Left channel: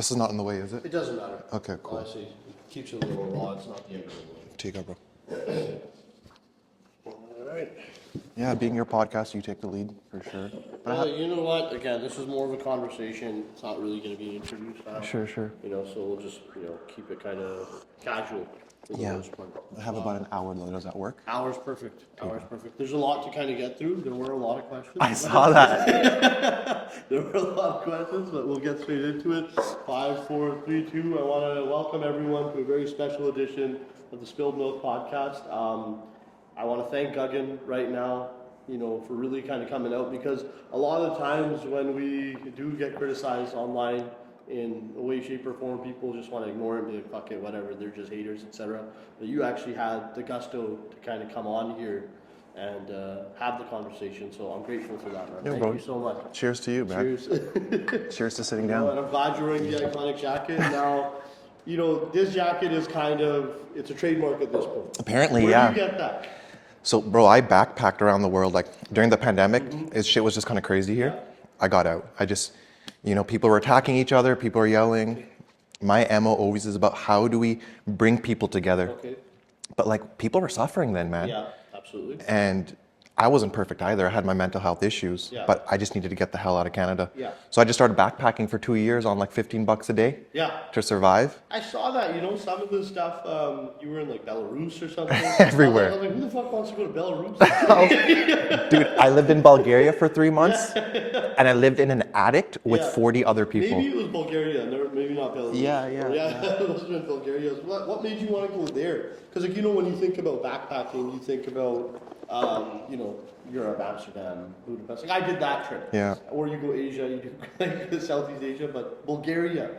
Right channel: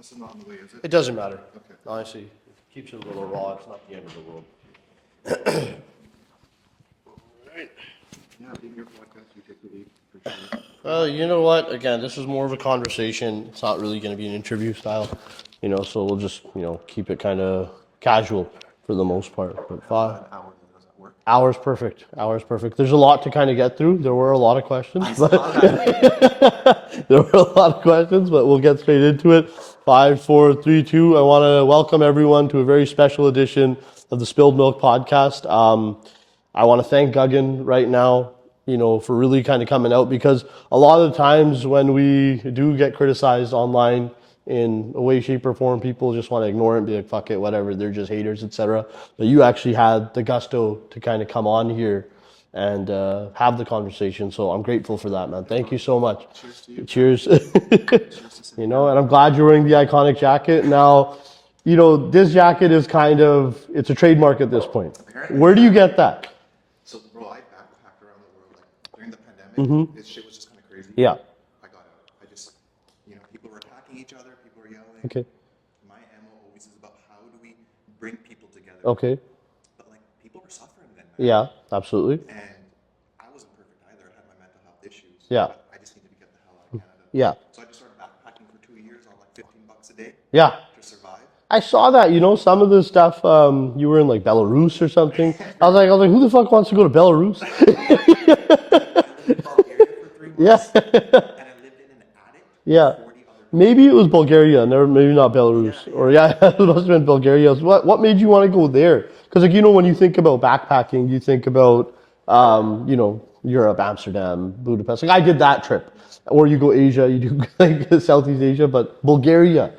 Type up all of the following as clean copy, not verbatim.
This is not in the way, is it? It doesn't matter. Okay, cool. Honestly, it keeps you a little raw. It's not the end of the world. Take it, bro. All right. Yeah, being your podcast, you take the lead for sure. You know what? Again, this is more of a conversation. It's not really going to be an interview style. Sure. So we'll just, keep it kind of casual for the most part. But I have about an hour though. Does that work? Hour's perfect. There's a lot to kind of get through. There were a lot of questions. I saw that. There were a lot of questions, but we'll get straight into it. 5, 4, 3, 2. I want to welcome everyone to a very special edition of the Spilled Milk podcast. I want to thank GAGAN right now, for really kind of coming out, because a lot of the times when we do get criticized online in a way, shape, or form, people just want to ignore it and be like, fuck it, whatever, they're just haters, etc. But you actually had the gusto to kind of come on here and have the conversation. So I'm grateful for that, man. Thank you so much. Cheers to you, man. Cheers. Cheers to sitting And down. I'm glad you're wearing the iconic jacket. Now, this jacket is it's a trademark at this point. Apparently, Where do you get that? So, bro, I backpacked around the world, like, during the pandemic. Shit was just kind of crazy here. Yeah. I got out. I just, people were attacking each other. People were yelling. Okay. My MO always is about how do we bring people together. Okay. But, people were suffering then, man. Yeah, absolutely. And I wasn't perfect either. I had my mental health issues. Yeah. But I just needed to get the hell out of Canada. Yeah. So I just started backpacking for 2 years on like $15 a day. Yeah. To survive. I saw that, some of the stuff, you were in like Belarus or something. Everywhere. I was like, who the fuck wants to go to Belarus? Dude, I lived in Bulgaria for 3 months. And I lived in an attic with 40 other people. Maybe it was Bulgaria, maybe not Belarus. Yeah. Or it must have been Bulgaria. What made you want to go there? Because when you think about backpacking, you think about, Europe, Amsterdam, Budapest. Like I did that trip. Yeah. Or you go Asia, you do like Southeast Asia, but Bulgaria.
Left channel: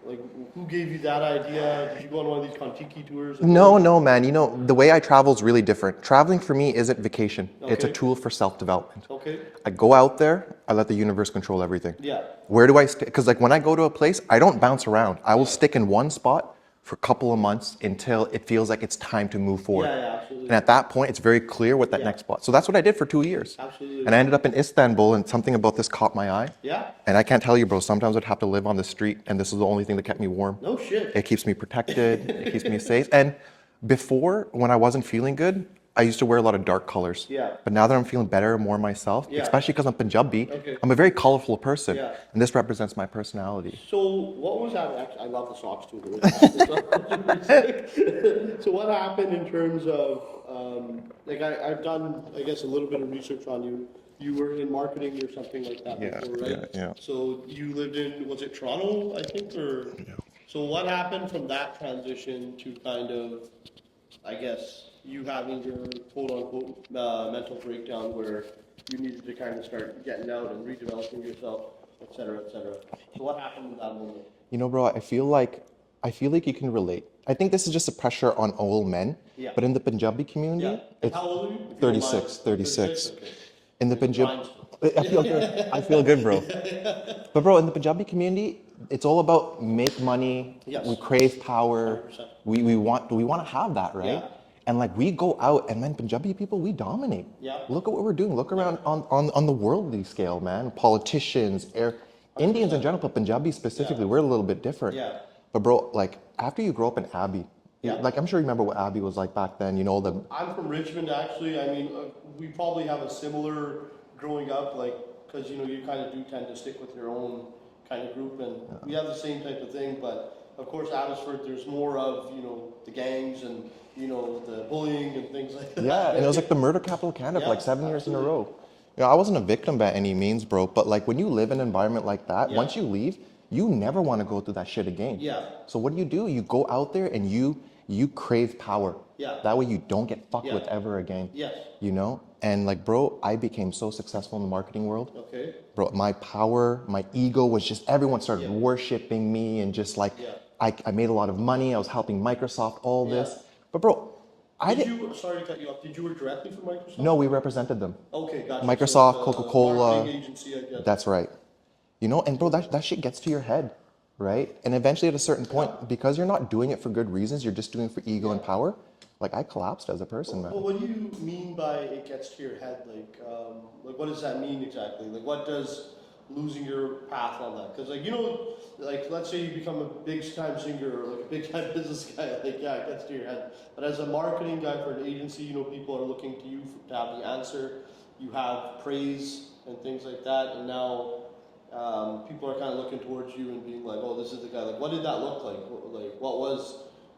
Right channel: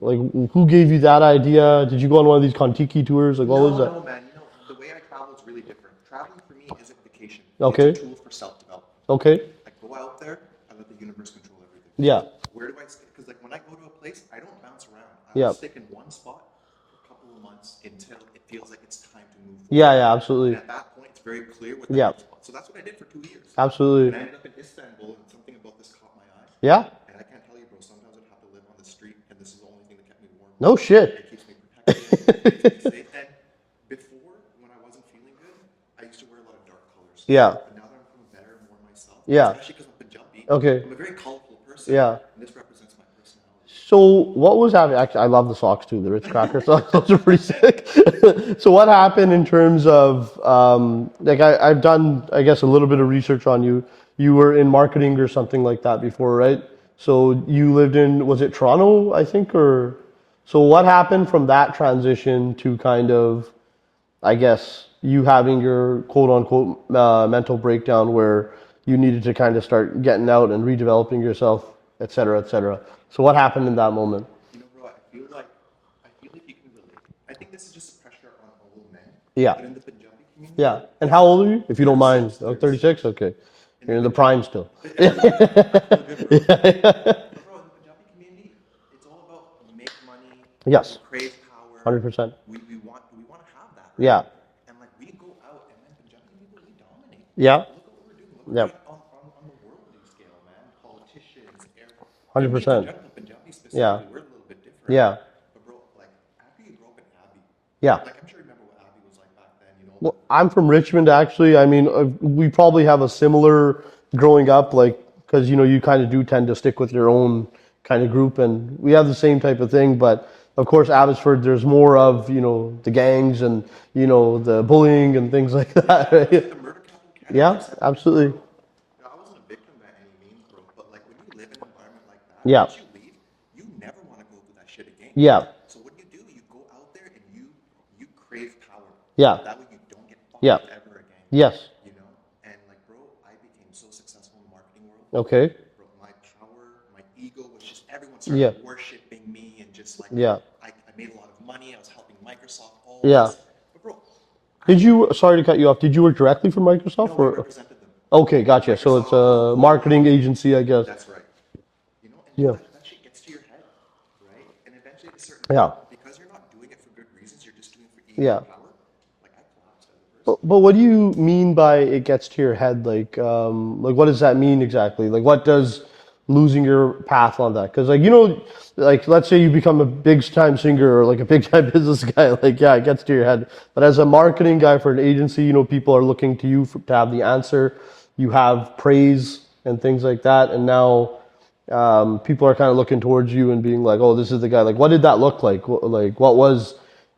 Like who gave you that idea? Did you go on one of these Kontiki tours? Like, No, man. The way I travel is really different. Traveling for me isn't vacation. Okay. It's a tool for self-development. Okay. I go out there, I let the universe control everything. Yeah. Where do I stay? Because when I go to a place, I don't bounce around. I will Yeah. stick in one spot for a couple of months until it feels like it's time to move forward. Yeah, absolutely. And at that point, it's very clear what the next spot. So that's what I did for 2 years. Absolutely. And I ended up in Istanbul, and something about this caught my eye. Yeah. And I can't tell you, bro, sometimes I'd have to live on the street, and this is the only thing that kept me warm. No shit. It keeps me protected. It keeps me safe. And before, when I wasn't feeling good, I used to wear a lot of dark colors. Yeah. But now that I'm feeling better, more myself, Yeah. especially because I'm Punjabi, Okay. I'm a very colorful person. Yeah. And this represents my personality. So what was happening? Actually, I love the socks too. The Ritz crackers. Those are pretty sick. So what happened in terms of I've done, I guess, a little bit of research on you. You were in marketing or something like that before, right? Yeah. So you lived in, was it Toronto, I think, or? So what happened from that transition to kind of, I guess, you having your quote unquote mental breakdown where you needed to kind of start getting out and redeveloping yourself, et cetera, et cetera. So what happened in that moment? Bro, I feel like you can relate. I think this is just a pressure on all men. Yeah. But in the Punjabi community. Yeah. And how old are you, if you don't mind? 36. 36? Okay. In You're the in the prime still. I feel good, bro. But bro, in the Punjabi community, it's all about make money. Yes. We crave power. 100%. We want to have that, right? Yeah. And we go out, and man, Punjabi people, we dominate. Yeah. Look at what we're doing. Look Yeah. around on the worldly scale, man. Politicians, 100%. Indians in general, but Punjabi specifically, we're a little bit different. Yeah. But bro, after you grow up in Abbey, Yeah. I'm sure you remember what Abbey was like back then. I'm from Richmond, actually. I mean, we probably have a similar growing up, because, you kind of do tend to stick with your own kind of group, and we have the same type of thing. But of course, Abbotsford, there's more of, the gangs and, the bullying and things like that. Yeah, it was like the murder capital of Canada, Yeah, 7 absolutely. years in a row. I wasn't a victim by any means, bro, but when you live in an environment like that, Yeah. once you leave, you never want to go through that shit again. Yeah. So what do? You go out there and you crave power. Yeah. That way you don't get fucked Yeah. with ever again. Yes. And bro, I became so successful in the marketing world. Okay. Bro, my power, my ego was just, everyone started worshiping me and just I made a lot of money. I was helping Microsoft, all this. But bro, sorry to cut you off, did you work directly for Microsoft? No, we represented them. Okay, gotcha. Microsoft, So it's a Coca-Cola. marketing agency, I guess. That's right. And bro, that shit gets to your head, right? And eventually at a certain point, because you're not doing it for good reasons, you're just doing it for ego and power. I collapsed as a person. But what do you mean by it gets to your head? What does that mean exactly? What does losing your path on that? Because like, you know, like let's say you become a big time singer or like a big time business guy, like yeah, it gets to your head. But as a marketing guy for an agency, you know, people are looking to you to have the answer. You have praise and things like that, and now people are kind of looking towards you and being like, oh, this is the guy. Like, what did that look like? Like, what was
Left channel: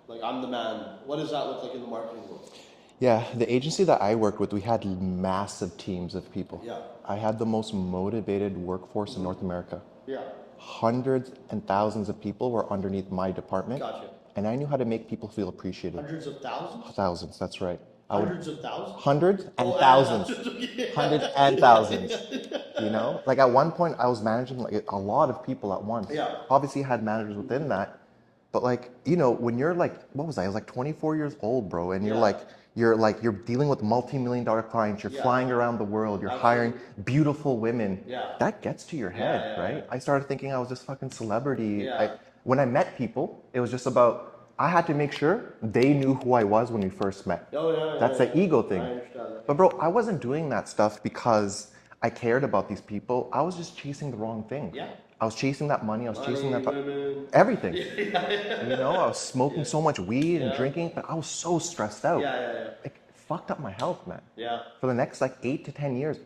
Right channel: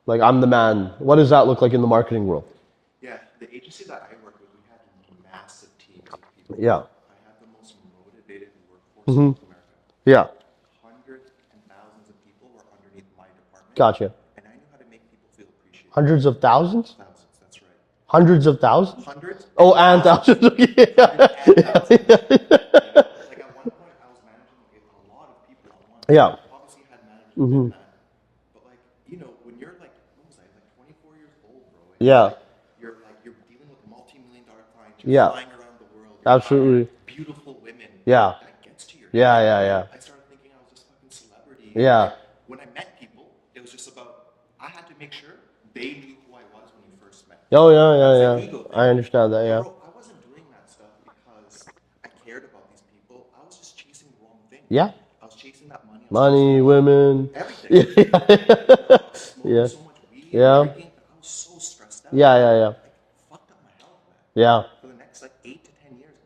like, I'm the man. What does that look like in the marketing world? Yeah, the agency that I worked with, we had massive teams of people. Yeah. I had the most motivated workforce in North America. Yeah. Hundreds and thousands of people were underneath my department. Gotcha. And I knew how to make people feel appreciated. Hundreds of thousands? Thousands, that's right. Hundreds of thousands? Hundreds and Oh, and thousands. thousands. Hundreds and thousands. You know? Like at one point I was managing like a lot of people at once. Yeah. Obviously I had managers within that. But like, you know, when you're like, what was I? I was like 24 years old, bro. And Yeah. you're dealing with multi-million-dollar clients. You're Yeah. flying around the world. You're Absolutely. hiring beautiful women. Yeah. That gets to your Yeah, head. yeah, right? yeah. I started thinking I was this fucking celebrity. Yeah. Like, when I met people, it was just about, I had to make sure they knew who I was when we first met. Oh, yeah, yeah, That's an ego thing. I understand that, yeah. But bro, I wasn't doing that stuff because I cared about these people. I was just chasing the wrong thing. Yeah. I was chasing that money. I was Money, chasing that women. everything. You know, I was smoking so much weed Yeah. and drinking, but I was so stressed out. Yeah, yeah, yeah. It fucked up my health, man. Yeah. For the next like 8 to 10 years,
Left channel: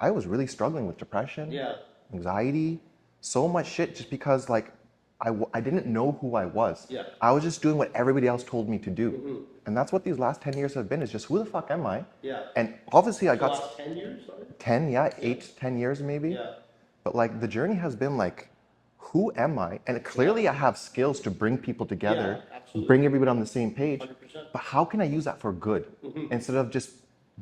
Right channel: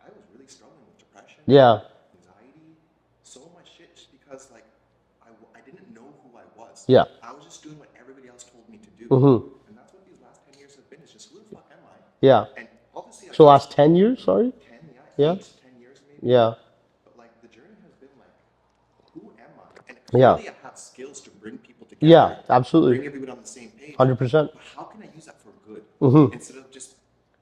I was really struggling with depression, Yeah. anxiety, so much shit just because like I didn't know who I was. Yeah. I was just doing what everybody else told me to do. And that's what these last 10 years have been, is just who the fuck am I? Yeah. And obviously I So got last 10 years, sorry? 10, yeah, Yeah. 8, 10 years maybe. Yeah. But like the journey has been like, who am I? And clearly I have skills to bring people together. Yeah, absolutely. Bring everybody on the same page. 100%. But how can I use that for good instead of just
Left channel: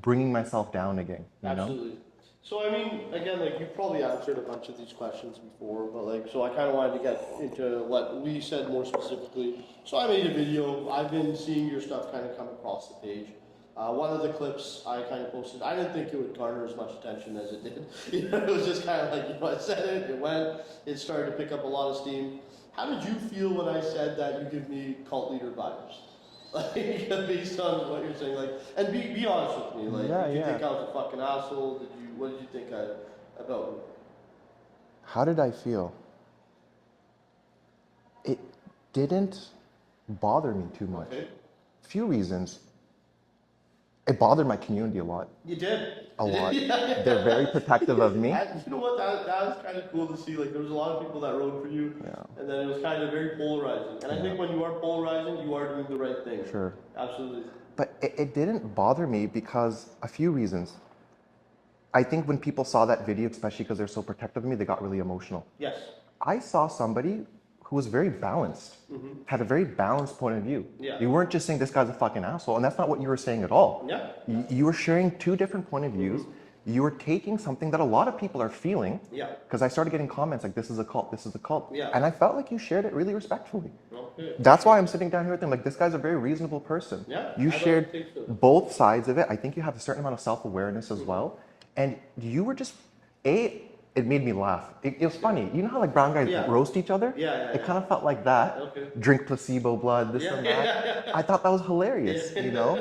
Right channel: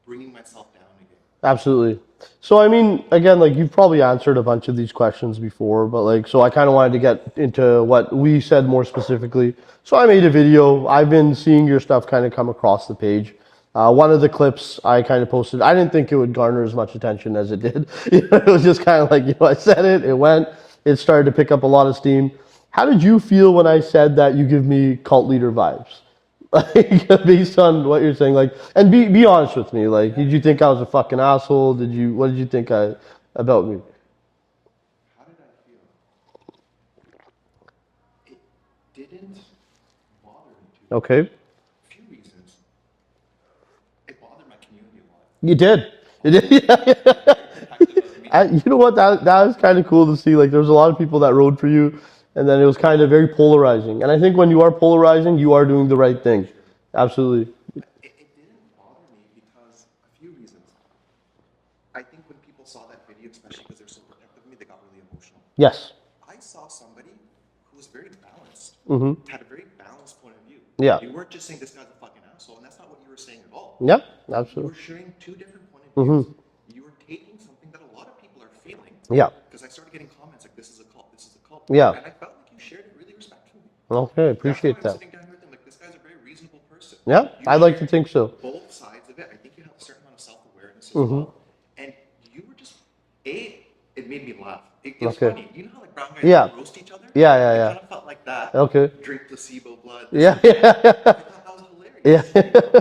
bringing myself down again? Absolutely. So, I mean, again, like you've probably answered a bunch of these questions before, but like, so I kind of wanted to get into what we said more specifically. So I made a video. I've been seeing your stuff kind of come across the page. One of the clips I kind of posted, I didn't think it would garner as much attention as it did. It was just kind of like, I said it, it went, it started to pick up a lot of steam. How did you feel when I said that you give me cult leader vibes? Like, based on what you're saying, like, and be honest with me. Like, did you think I was a fucking asshole? What did you think about me? How did I feel? It didn't bother me too much. Okay. Few reasons. It bothered my community a lot. You did. A lot. They're very protective of me. You know what? That was kind of cool to see. Like, there was a lot of people that rode for you, and then it was kind of very polarizing. And I think when you are polarizing, you are doing the right thing. Sure. Absolutely. But it didn't bother me because a few reasons. I think when people saw that video, especially because they're so protective of me, they got really emotional. Yes. I saw somebody who was very balanced, had a very balanced point of view. Yeah. You weren't just saying this guy's a fucking asshole, and that's not what you were saying at all. Yeah. You were sharing two different point of views. You were taking something that a lot of people are feeling. Yeah. Because I started getting comments like, this is a cult, this is a cult. Yeah. And I felt like you shared it really respectfully. Okay. That's why I'm that. sitting down here thinking, like, this guy's a very reasonable person. Yeah, You I'd like to shared think so. both sides of it. I think you have a certain amount of self-awareness as well. And you were just, it made me laugh. It was Okay. funny. You know how like brown guys Yeah. roast each other? Yeah. It kind of felt like that. Okay. Drink placebo blood. Yeah. I thought that was hilarious. You know?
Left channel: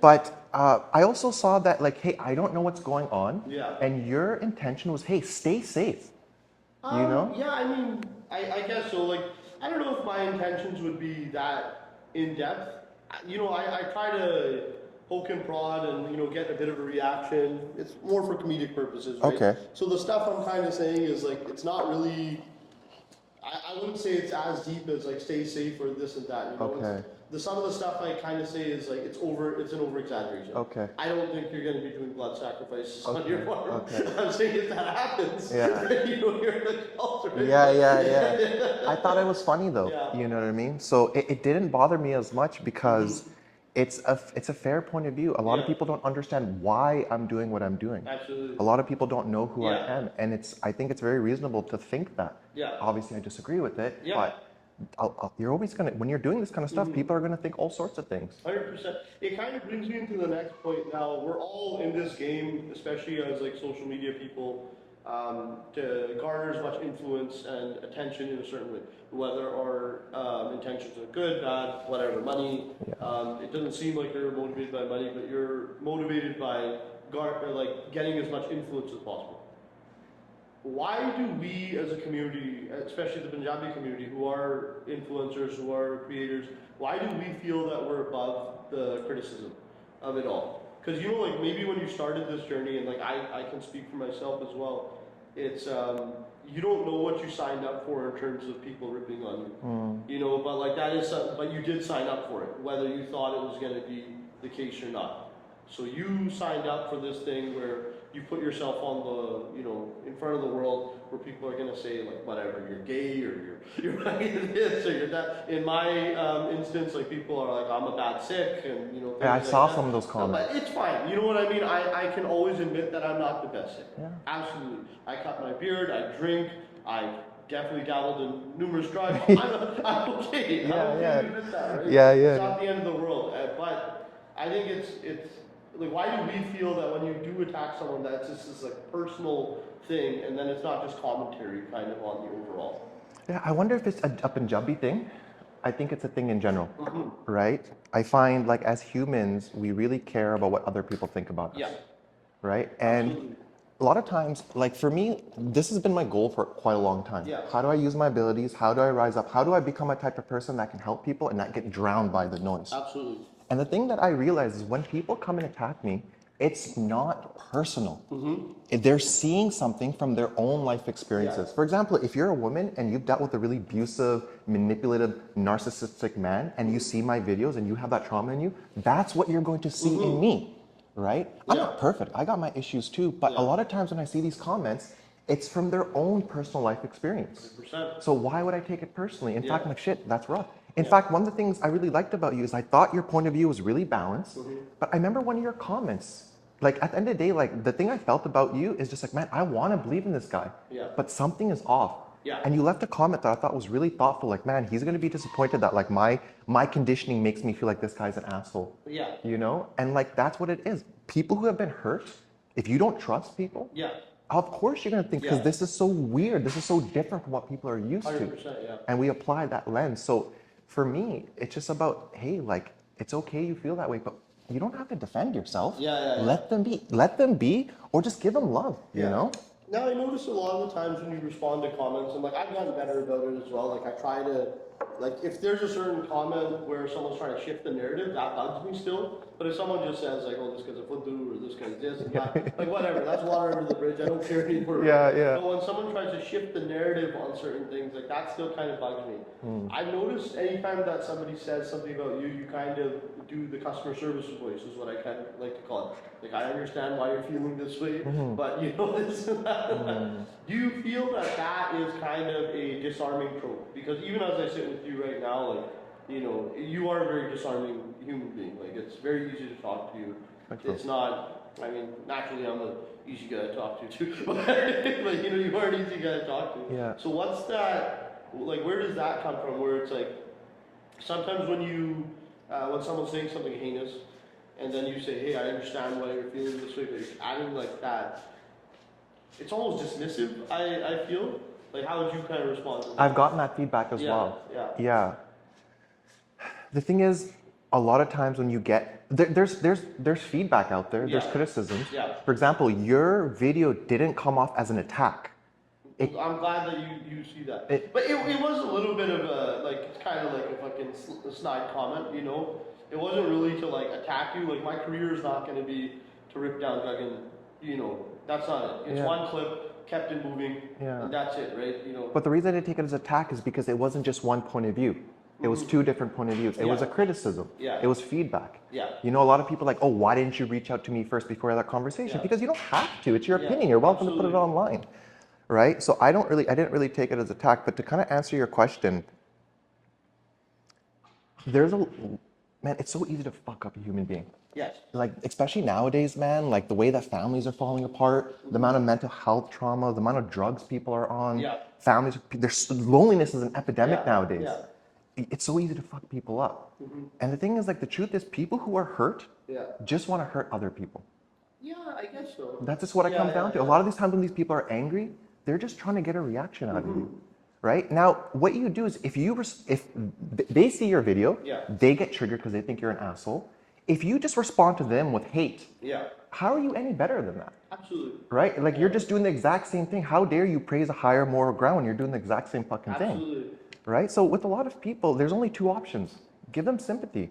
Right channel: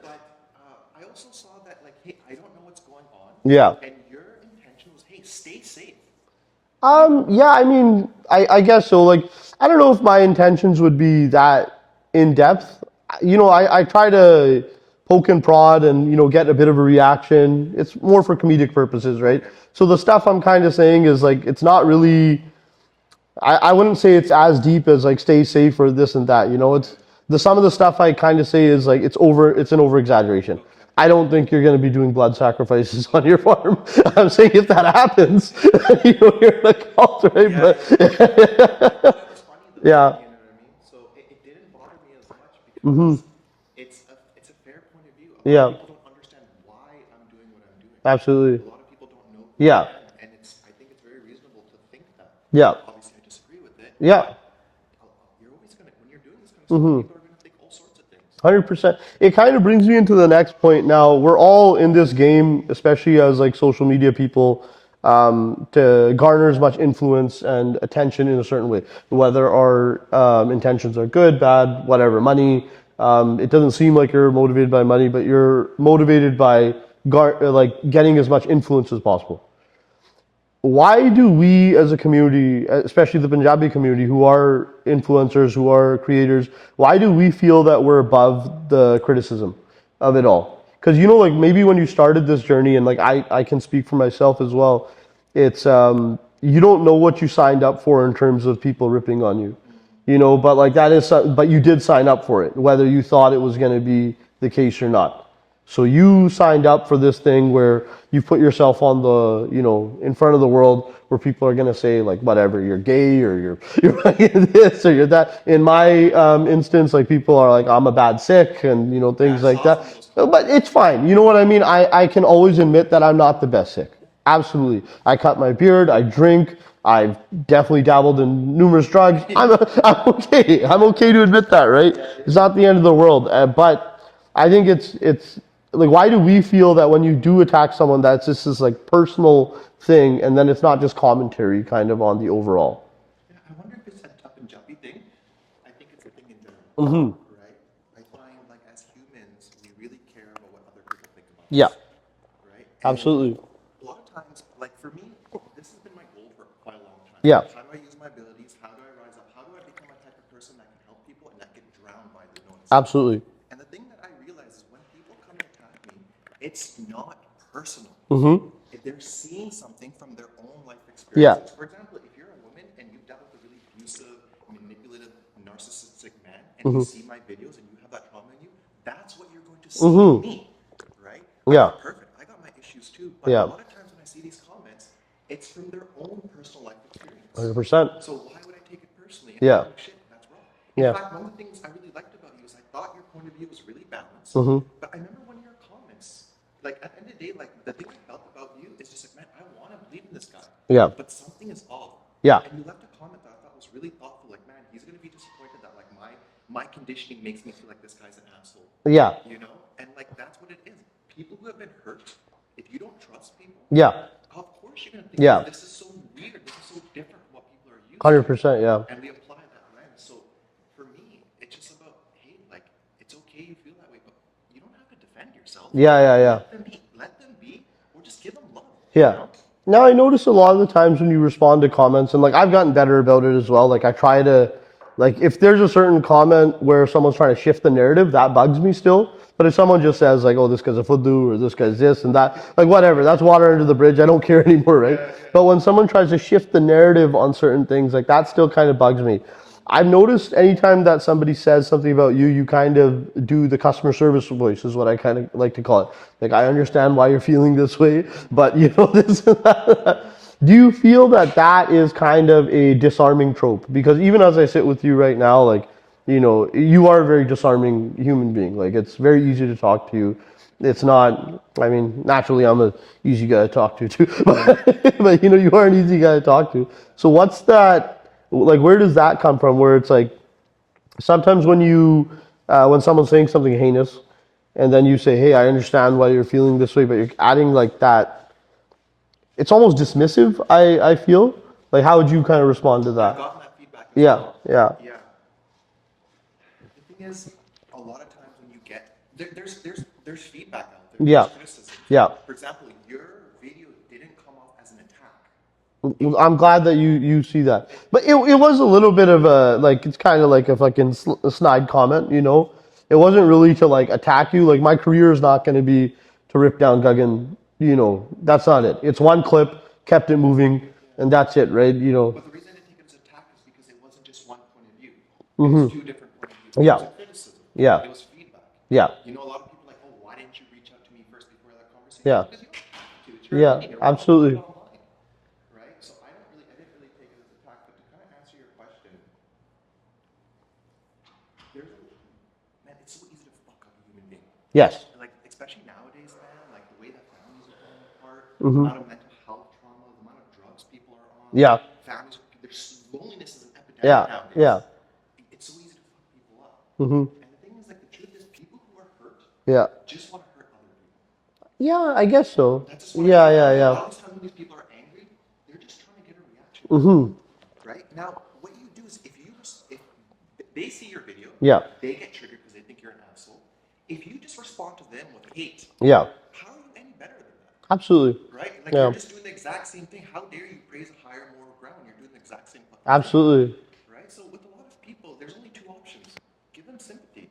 But I also saw that like, hey, I don't know what's going on. Yeah. And your intention was, hey, stay safe. Yeah, I mean, I guess so. Like, I don't know if my intentions would be that in depth. You know, I try to poke and prod and, you know, get a bit of a reaction. It's more for comedic purposes, right? Okay. So the stuff I'm kind of saying is like, it's not really, I wouldn't say it's as deep as like stay safe or this and that, you know, it's some of the stuff I kind of say is like, it's an over exaggeration. Okay. I don't think you're going to be doing blood sacrifices on your farm. I'm saying if that happens, you know, you're in a cult, right? I thought it was funny though. Yeah. You know what I mean? So it didn't bother me as much because it's a fair point of view. A lot of people don't understand why I'm doing what I'm doing. Absolutely. A lot of people don't know who I am, and I think it's very reasonable to think that. Yeah. Obviously, I disagree with it. Yeah. But you're always gonna, when you're doing this kind of stuff, people are gonna think all sorts of things. 100%. It kind of brings me into the next point. Now, we're all in this game, especially as like social media people, to garner as much influence and attention in a certain way, whether our intentions are good, bad, whatever, money. It doesn't seem like you're motivated by money, but you're motivated by like getting as much influence as possible. why do we as a community, especially the Punjabi community, who are influencers, who are creators, why do we feel that we're above the criticism of it all? Because like maybe when you started this journey, and like I can speak for myself as well, it's you don't know what you signed up for in terms of people ripping on you, but like but you did sign up for it, whether you thought it was going to be the case or not. So you signed up for this thing where you put yourself on the, in front of the world where people are going to say like, whatever, you're gay or you're this or you're that. In my instance, like people are like, I'm a bad Sikh and, things like that. But it's fine. You know what I mean? I can always admit that I'm not the best Sikh. Yeah. Absolutely. I cut my beard. I drink. I've definitely dabbled in numerous drugs. I'm okay. I'm okay to admit that, right? Yeah. It's not the end of the world. But I think it's like, why do we feel that when you do attack someone, that's just this like personal thing, and then it's not just commentary kind of on the overall? Yeah, I wonder if it's a Punjabi thing. I think it's a thing in general, right? I find like as humans, we really care about what other people think about us. Yeah. Right? And absolutely. A lot of times, like for me, this has been my goal for quite a long time. Yeah. How do I use my abilities? How do I rise up? How do I become a type of person that can help people and not get drowned by the noise? Absolutely. And the thing that I realize is when people come and attack me, it's not personal. They're seeing something from their own life experiences. Yeah. For example, if you're a woman and you've dealt with a really abusive, manipulative, narcissistic man, and you see my videos and you have that trauma in you, that's what you're going to see in me, right? I'm not perfect. I got my issues too. But a lot of times when I see these comments, it's from their own personal life experience. 100%. So why would I take it personally? In fact, I'm like, shit, that's rough. In fact, one of the things I really liked about you is I thought your point of view was really balanced. But I remember one of your comments, like at the end of the day, like the thing I felt about you is just like, man, I want to believe in this guy. Yeah. But something is off. Yeah. And you left a comment that I thought was really thoughtful. Like, man, he's going to be disappointed that like my conditioning makes me feel like this guy's an asshole. Yeah. And like, that's what it is. People who have been hurt, if you don't trust people. Yeah. Of course you're going to think, this is so weird. This is so different from what people are used to. 100%, yeah. And we apply that lens. So for me, it's just about, hey, like, it's okay you feel that way, but you don't have to defend yourself. Yeah. Let them be, or just give them love. Yeah. Now, I notice a lot of the times when you respond to comments, and like, I've gotten better about it as well. Like, I try to, like, if there's a certain comment where someone's trying to shift the narrative, that bugs me still. But if someone just says like, oh, this guy's a fuddu or this guy's this and that, like whatever, that's water under the bridge. I don't care anymore, right? Yeah. But when someone tries to shift the narrative on certain things, like that still kind of bugs me. I've noticed anytime that somebody says something about you, you kind of do the customer service voice is what I kind of like to call it. Like, I understand why you're feeling this way, but this and that. Do you feel that that is kind of a disarming trope? Because even as I sit with you right now, like, you are a very disarming human being. Like, it's very easy to talk to you. It's not, I mean, naturally I'm an easy guy to talk to too, but you are an easy guy to talk to. Yeah. So what's that, like, where does that come from? Where it's like, sometimes when when someone's saying something heinous and then you say, hey, I understand why you're feeling this way, but you're adding like that, it's almost dismissive, I feel. Like, how would you kind of respond to that? I've gotten that feedback as well. Yeah. The thing is, a lot of times when you get, there's feedback out there, there's criticisms. Yeah. For example, your video didn't come off as an attack. I'm glad that you see that. But it was a little bit of a, like, it's kind of like a fucking snide comment, It wasn't really to like attack you. Like, my career is not going to be to rip down GAGAN, that's not it. It's one clip, kept it moving, and that's it, right? But the reason I didn't take it as attack is because it wasn't just one point of view. It was two different point of views. It was a criticism. Yeah. It was feedback. Yeah. A lot of people are like, oh, why didn't you reach out to me first before that conversation? Yeah. Because you don't have to. It's your opinion. You're welcome to put it online. Right? So I didn't really take it as attack. But to kind of answer your question, man, it's so easy to fuck up a human being. Yes. Like, especially nowadays, man, like the way that families are falling apart, the amount of mental health trauma, the amount of drugs people are on. Yeah. Families, loneliness is an epidemic nowadays. Yeah. It's so easy to fuck people up. And the thing is, like, the truth is, people who are hurt just want to hurt other people. Yeah, I guess so. That's just what I think. A lot of these times when these people are angry, they're just trying to get a reaction out of you. Right? Now, what you do is, if they see your video, they get triggered because they think you're an asshole. If you just respond to them with hate, how are you any better than that? Absolutely. Right? Like you're just doing the exact same thing. How dare you praise a higher moral ground when you're doing the exact same fucking thing? Absolutely. Right? So with a lot of people, there's only two options. Give them sympathy.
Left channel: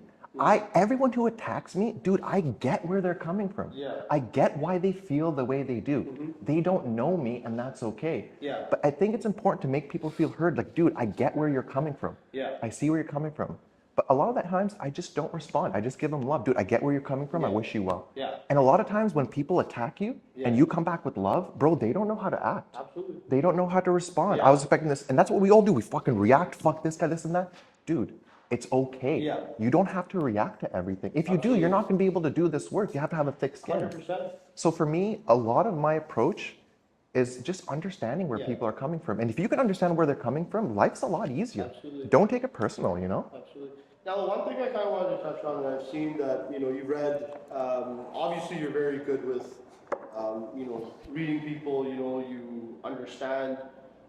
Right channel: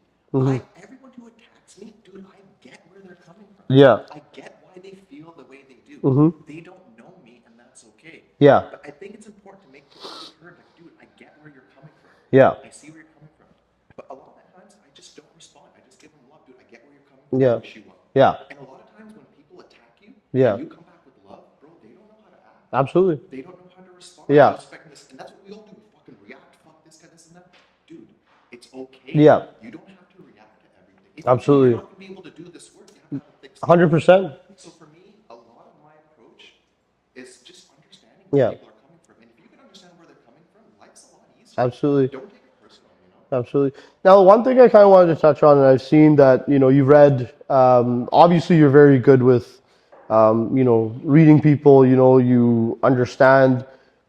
Everyone who attacks me, dude, I get where they're coming from. Yeah. I get why they feel the way they do. They don't know me, and that's okay. Yeah. But I think it's important to make people feel heard. Like, dude, I get where you're coming from. Yeah. I see where you're coming from. But a lot of the times, I just don't respond. I just give them love. Dude, I get where you're coming from. I wish you well. Yeah. And a lot of times when people attack you and you come back with love, bro, they don't know how to act. Absolutely. They don't know how to respond. Yeah. I was expecting this. And that's what we all do. We fucking react. Fuck this guy, this and that. Dude, it's okay. Yeah. You don't have to react to everything. If you Absolutely. do, you're not going to be able to do this work. You have to have a thick skin. 100%. So for me, a lot of my approach is just understanding where people are coming from. And if you can understand where they're coming from, life's a lot easier. Absolutely. Don't take it personal, you know? Absolutely. Now, one thing I kind of wanted to touch on, and I've seen that, you know, you've read, obviously you're very good with, you know, reading people, you know, you understand,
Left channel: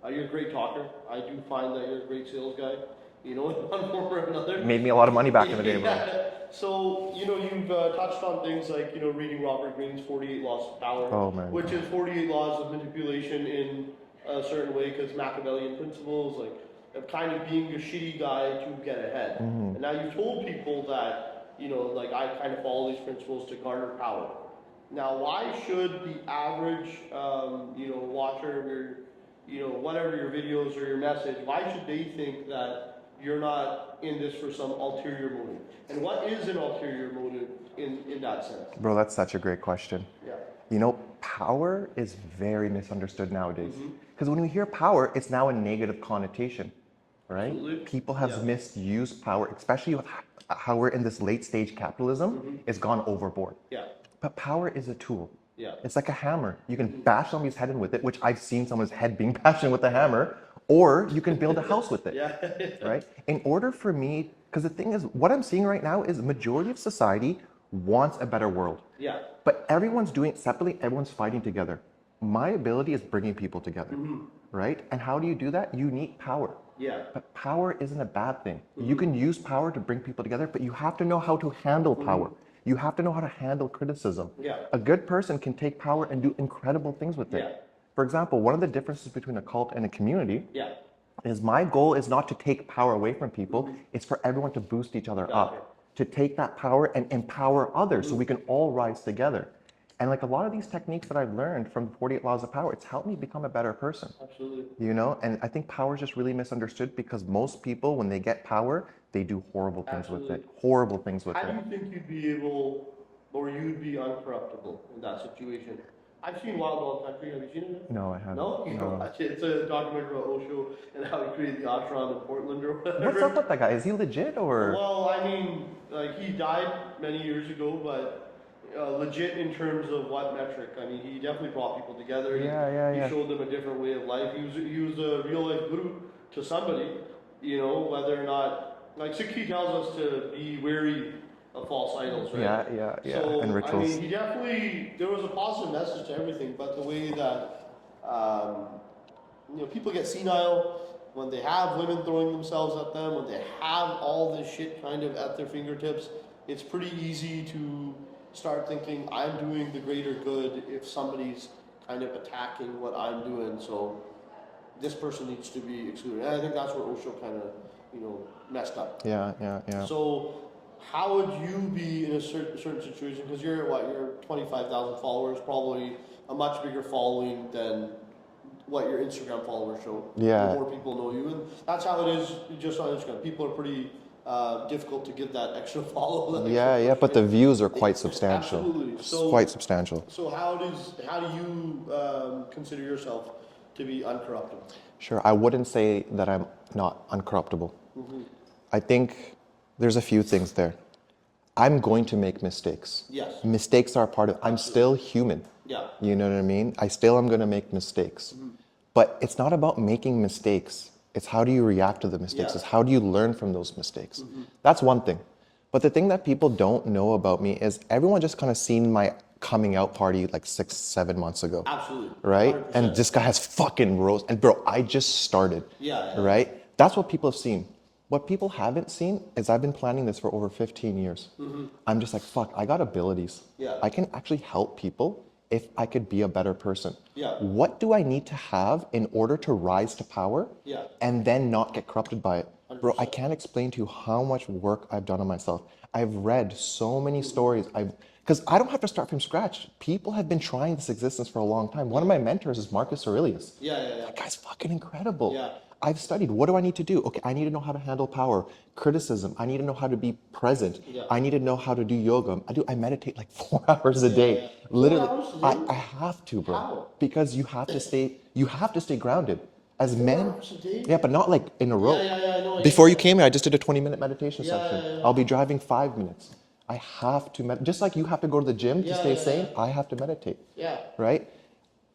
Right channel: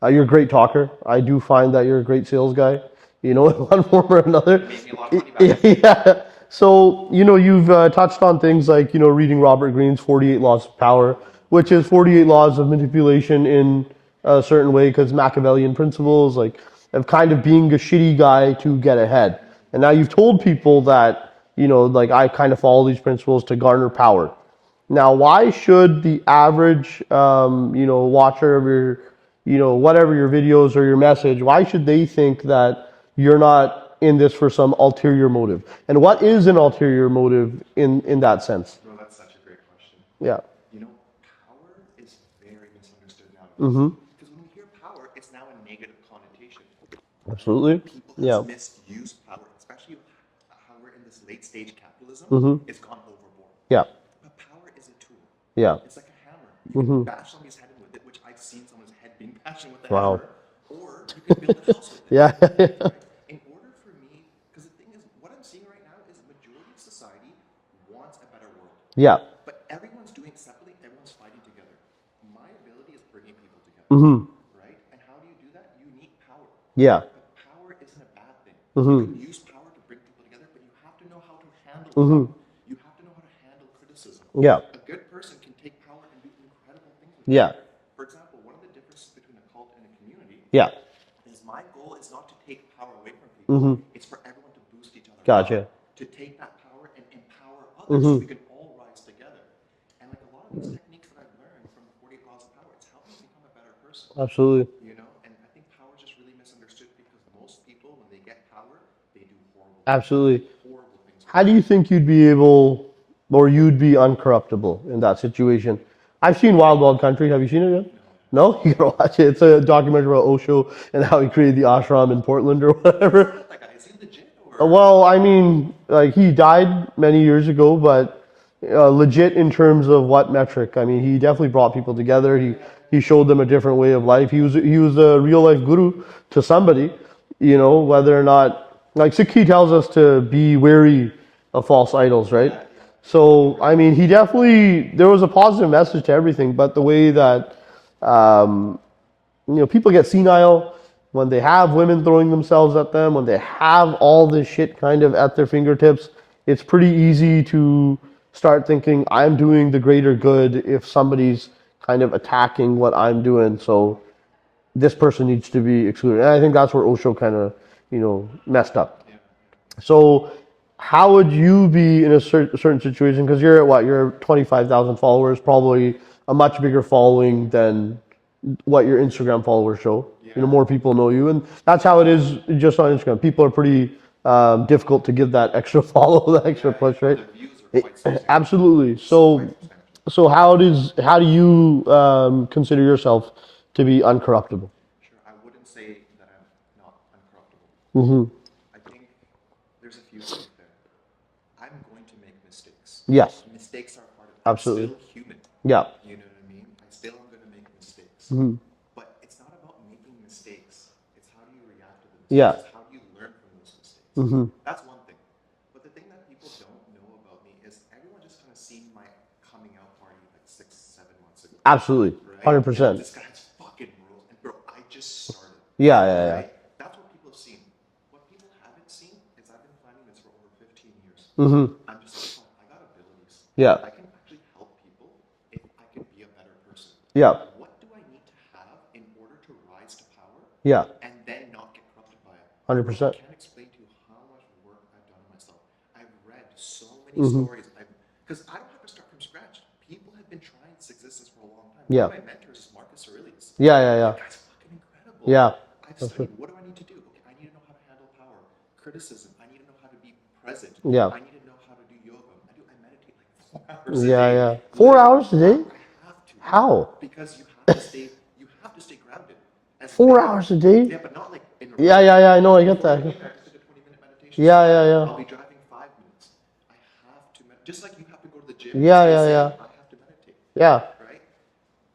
you're a great talker. I do find that you're a great sales guy, you know, in one form or another. Made me a lot of money back in the day. Yeah. So, you know, you've touched on things like, you know, reading Robert Greene's 48 Laws of Power, which is 48 laws of manipulation in a certain way, because Machiavellian principles, like, of kind of being a shitty guy to get ahead. And now you've told people that, you know, like, I kind of follow these principles to garner power. Now, why should the average, you know, watcher of your, you know, whatever your videos or your message, why should they think that you're not in this for some ulterior motive? And what is an ulterior motive in that sense? Bro, that's such a great question. Yeah. You know, power is very misunderstood nowadays. Because when we hear power, it's now a negative connotation. Right? Absolutely. People have misused power, especially with how we're in this late stage capitalism. It's gone overboard. Yeah. But power is a tool. Yeah. It's like a hammer. You can bash somebody's head in with it, which I've seen someone's head being bashed in with a hammer, or you can build a house with it. Yeah. Right? In order for me, because the thing is, what I'm seeing right now is the majority of society wants a better world. Yeah. But everyone's doing it separately, everyone's fighting together. My ability is bringing people together. Right? And how do you do that? You need power. Yeah. But power isn't a bad thing. You can use power to bring people together, but you have to know how to handle power. You have to know how to handle criticism. Yeah. A good person can take power and do incredible things with it. Yeah. For example, one of the differences between a cult and a community is my goal is not to take power away from people. It's for everyone to boost each other up. To take that power and empower others so we can all rise together. And like a lot of these techniques that I've learned from 48 Laws of Power, it's helped me become a better person. Absolutely. You know, and I think power is just really misunderstood because most people, when they get power, they do horrible things. Absolutely. Horrible things with it. How do you think you'd be able, or you'd be uncorruptible in that situation? I've seen Wild Wild Country. Have you seen it yet? No, I haven't. No? You gotta watch it. It's a documentary about Osho and how he created the ashram in Portland or whatever. What's up with that guy? Is he legit or? Well, I mean, like, he died many years ago, but legit in terms of what metric? I mean, he definitely brought people together. He showed them a different way of life. He was a real life guru to somebody, you know, whether or not, like Sikhi tells us to be wary of false idols, right? So, I mean, he definitely, there was a positive message to everything, but the way that, you know, people get senile when they have women throwing themselves at them, when they have all this shit kind of at their fingertips, it's pretty easy to start thinking, I'm doing the greater good if somebody's kind of attacking what I'm doing, so this person needs to be excluded. And I think that's where Osho kind of, you know, messed up. Yeah. So how would you be in a certain situation? Because you're at what? You're 25,000 followers, probably a much bigger following than what your Instagram followers show. Yeah. You know, more people know you. And that's how it is just on Instagram. People are pretty difficult to give that extra follow, that extra push, but right? the views are quite substantial. Absolutely. So quite substantial. So how do you consider yourself to be uncorruptible? Sure, I wouldn't say that I'm not uncorruptible. I think there's a few things there. I'm going to make mistakes. Yes. Mistakes are a part of. I'm still human. Yeah. You know what I mean? I still am going to make mistakes. But it's not about making mistakes. It's how do you react to the mistakes? Yeah. It's how do you learn from those mistakes? That's one thing. But the thing that people don't know about me is everyone just kind of seen my coming out party like 6-7 months ago. Absolutely. Right? 100%. And this guy has fucking rose. And bro, I just started. Yeah. Right? That's what people have seen. what people haven't seen is I've been planning this for over 15 years. I'm just like, fuck, I got abilities. Yeah. I can actually help people if I could be a better person. Yeah. What do I need to have in order to rise to power? Yeah. And then not get corrupted by it? 100%. Bro, I can't explain to you how much work I've done on myself. I've read so many stories. Because I don't have to start from scratch. People have been trying this existence for a long time. One of my mentors is Marcus Aurelius. Yeah. That guy's fucking incredible. Yeah. I've studied. What do I need to do? Okay, I need to know how to handle power, criticism. I need to know how to be present. Yeah. I need to know how to do yoga. I meditate like 4 hours a Yeah, day. yeah. 4 Literally, hours a day? I have to, bro. How? Because you have to stay. You have to stay grounded. As 4 hours a day? Yeah, but not like in a row. Yeah. I know. I Before get you that. came here, I just did a 20-minute meditation. Yeah, session. yeah. I'll be driving 5 minutes. I have to meditate. Just like you have to go to the gym to Yeah, stay yeah, sane, I have to meditate. Yeah. Right?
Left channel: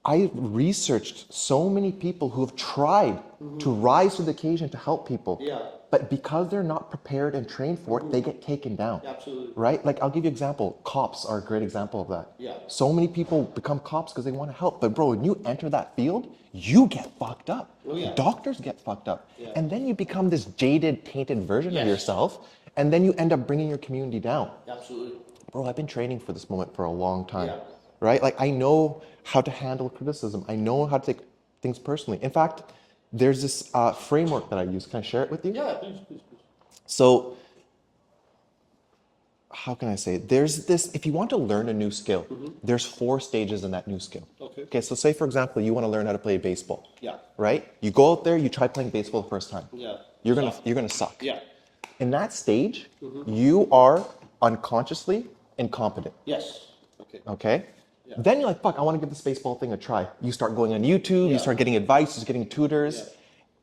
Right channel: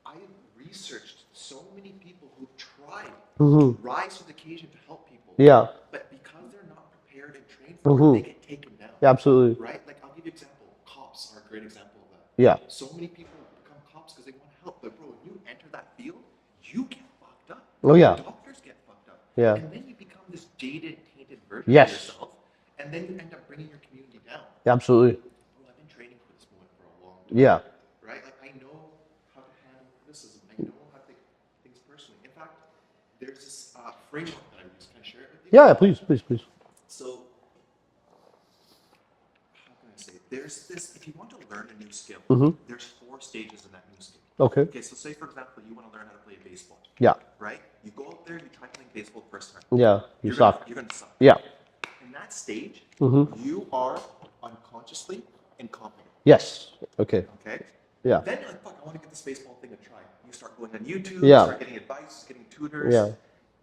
I researched so many people who have tried to rise to the occasion to help people. Yeah. But because they're not prepared and trained for it, they get taken down. Yeah, absolutely. Right? Like, I'll give you an example. Cops are a great example of that. Yeah. So many people become cops because they want to help. But bro, when you enter that field, you get fucked up. Oh, yeah. Doctors get fucked up. Yeah. And then you become this jaded, tainted version Yes. of yourself. And then you end up bringing your community down. Yeah, absolutely. Bro, I've been training for this moment for a long time. Yeah. Right? Like, I know how to handle criticism. I know how to take things personally. In fact, there's this framework that I use. Can I share it with you? Yeah, please. So, how can I say? There's this, if you want to learn a new skill, there's 4 stages in that new skill. Okay. Okay, so say, for example, you want to learn how to play baseball. Yeah. Right? You go out there, you try playing baseball the first time. Yeah. You're gonna suck. Yeah. In that stage, you are unconsciously incompetent. Yes. Okay. Okay? Yeah. Then you're like, fuck, I want to give this baseball thing a try. You start going on YouTube, Yeah. you start getting advice, you start getting tutors,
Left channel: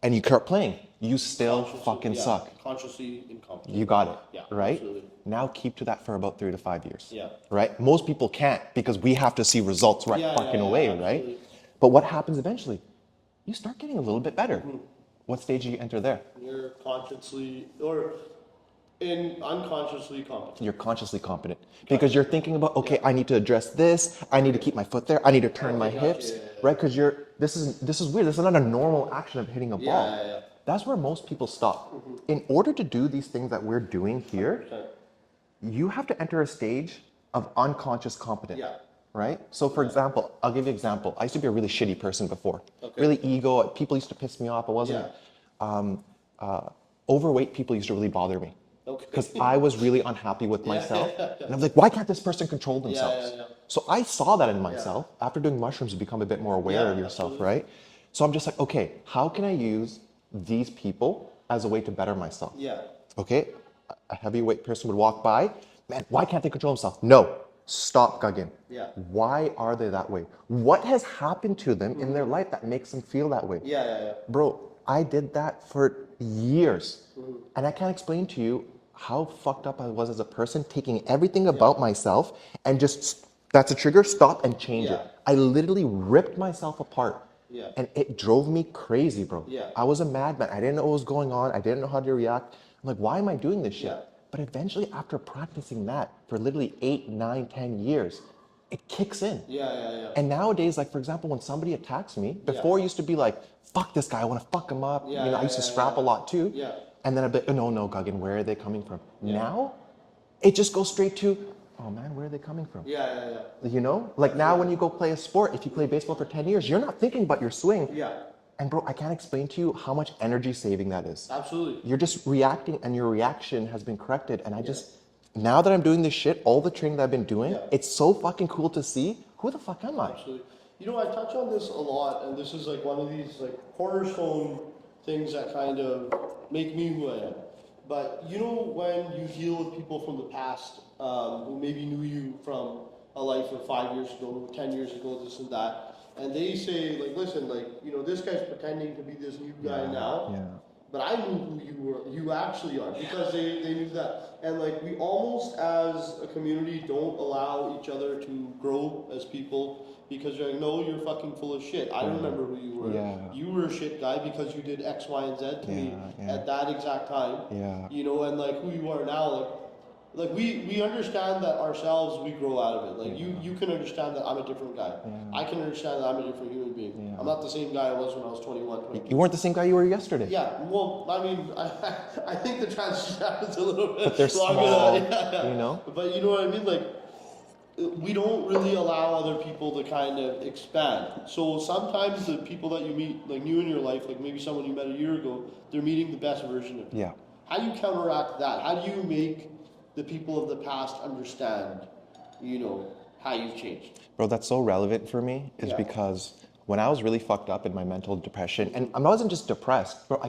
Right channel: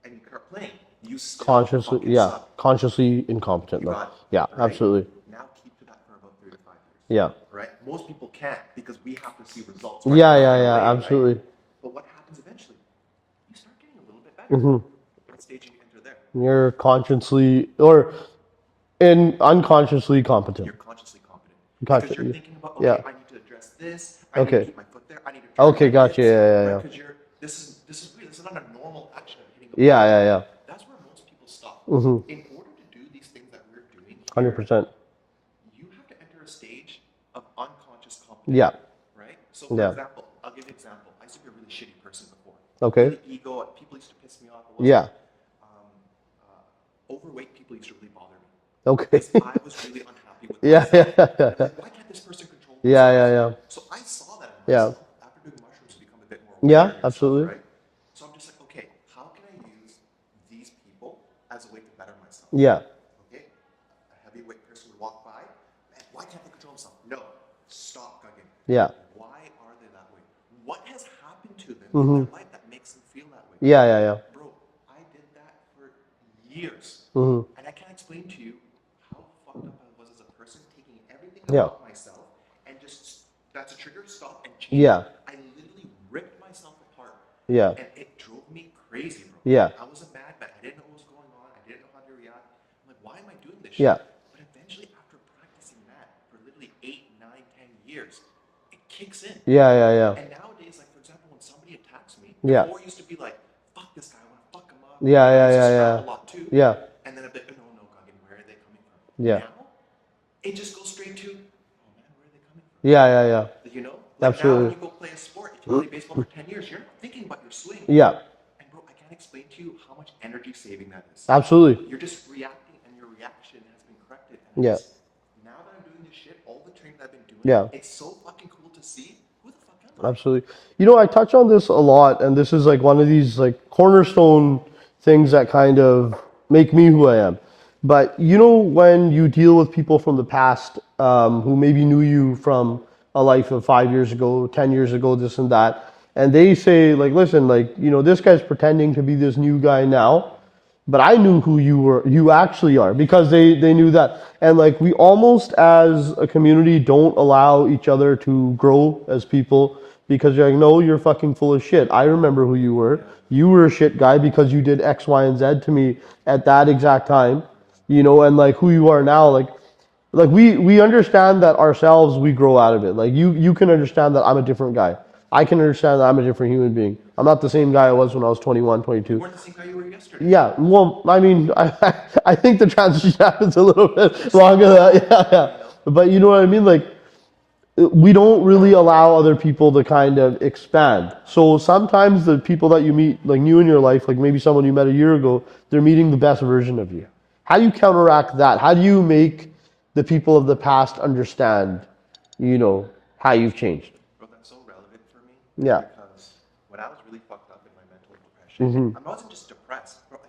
and you start playing. You still fucking suck. Consciously incompetent. You got it. Yeah, right? absolutely. Now keep to that for about 3 to 5 years. Yeah. Right? Most people can't because we have to see results right Yeah, fucking away, absolutely. Right? But what happens eventually? You start getting a little bit better. What stage do you enter there? You're consciously unconsciously competent. You're consciously competent. Because you're thinking about, okay, I need to address this. I need to keep my foot there. I need to turn my gotcha. hips. Yeah. Right? Because this is weird. This is not a normal action of hitting a ball. Yeah. That's where most people stop. In order to do these things that we're doing here, 100%. you have to enter a stage of unconscious competence. Yeah. Right? So for example, I'll give you an example. I used to be a really shitty person before. Okay. Really ego. People used to piss me off. I wasn't. Overweight people used to really bother me. Okay. Because I was really unhappy with myself. And I'm like, why can't this person control themselves? Yeah. So I saw that in myself. After doing mushrooms, you become a bit more aware of yourself, absolutely. right? So I'm just like, okay, how can I use these people as a way to better myself? Yeah. Okay, a heavyweight person would walk by. Man, why can't they control themselves? No, stop, Gagan. Yeah. Why are they that way? What has happened to them in their life that makes them feel that way? Yeah. Bro, I did that for years. And I can't explain to you how fucked up I was as a person, taking everything about myself and just, that's a trigger, stop and change it. I literally ripped myself apart. Yeah. And it drove me crazy, bro. Yeah. I was a madman. I didn't know what was going on. I didn't know how to react. I'm like, why am I doing this shit? Yeah. But eventually, after practicing that for literally 8, 9, 10 years, it kicks in. Yeah. And nowadays, like, for example, when somebody attacks me, before it used to be like, fuck this guy, I want to fuck him up. I used to scrap a lot too. Yeah. And then I'd be like, oh, no, Gagan, where are they coming from? Yeah. Now, it just goes straight to, oh man, where are they coming from? Yeah. You know? Like now when you go play a sport, if you play baseball for 10 years, you're not thinking about your swing. Yeah. And bro, I can't explain to you how much energy saving that is. Absolutely. You're just reacting and your reaction has been corrected. And I just, now that I'm doing this shit, all the training that I've been doing, it's so fucking cool to see. Who the fuck am I? Absolutely. You know, I touch on this a lot, and this is like one of these like cornerstone things that kind of make me who I am. But you know, when you deal with people from the past who maybe knew you from a life of 5 years ago, 10 years ago, this and that, and they say like, listen, like, you know, this guy's pretending to be this new guy now, but I knew who you actually are, because they knew that. And like, we almost as a community don't allow each other to grow as people, because you're like, no, you're fucking full of shit. I remember who you were. You were a shit guy because you did X, Y, and Z to me at that exact time. You know, and like who you are now, like we understand that ourselves, we grow out of it. Like you can understand that I'm a different guy. I can understand that I'm a different human being. Yeah. I'm not the same guy I was when I was 21, 22. You weren't the same guy you were yesterday. Yeah, well, I mean, I think the transition happens a little bit longer. Yeah. You know? But you know what I mean? Like, we don't really allow other people to kind of expand. So sometimes the people that you meet, like new in your life, like maybe someone you met a year ago, they're meeting the best version of you. Yeah. How do you counteract that? How do you make the people of the past understand, how you've changed? Bro, that's so relevant for me. Because when I was really fucked up in my mental depression, and I wasn't just depressed, bro, I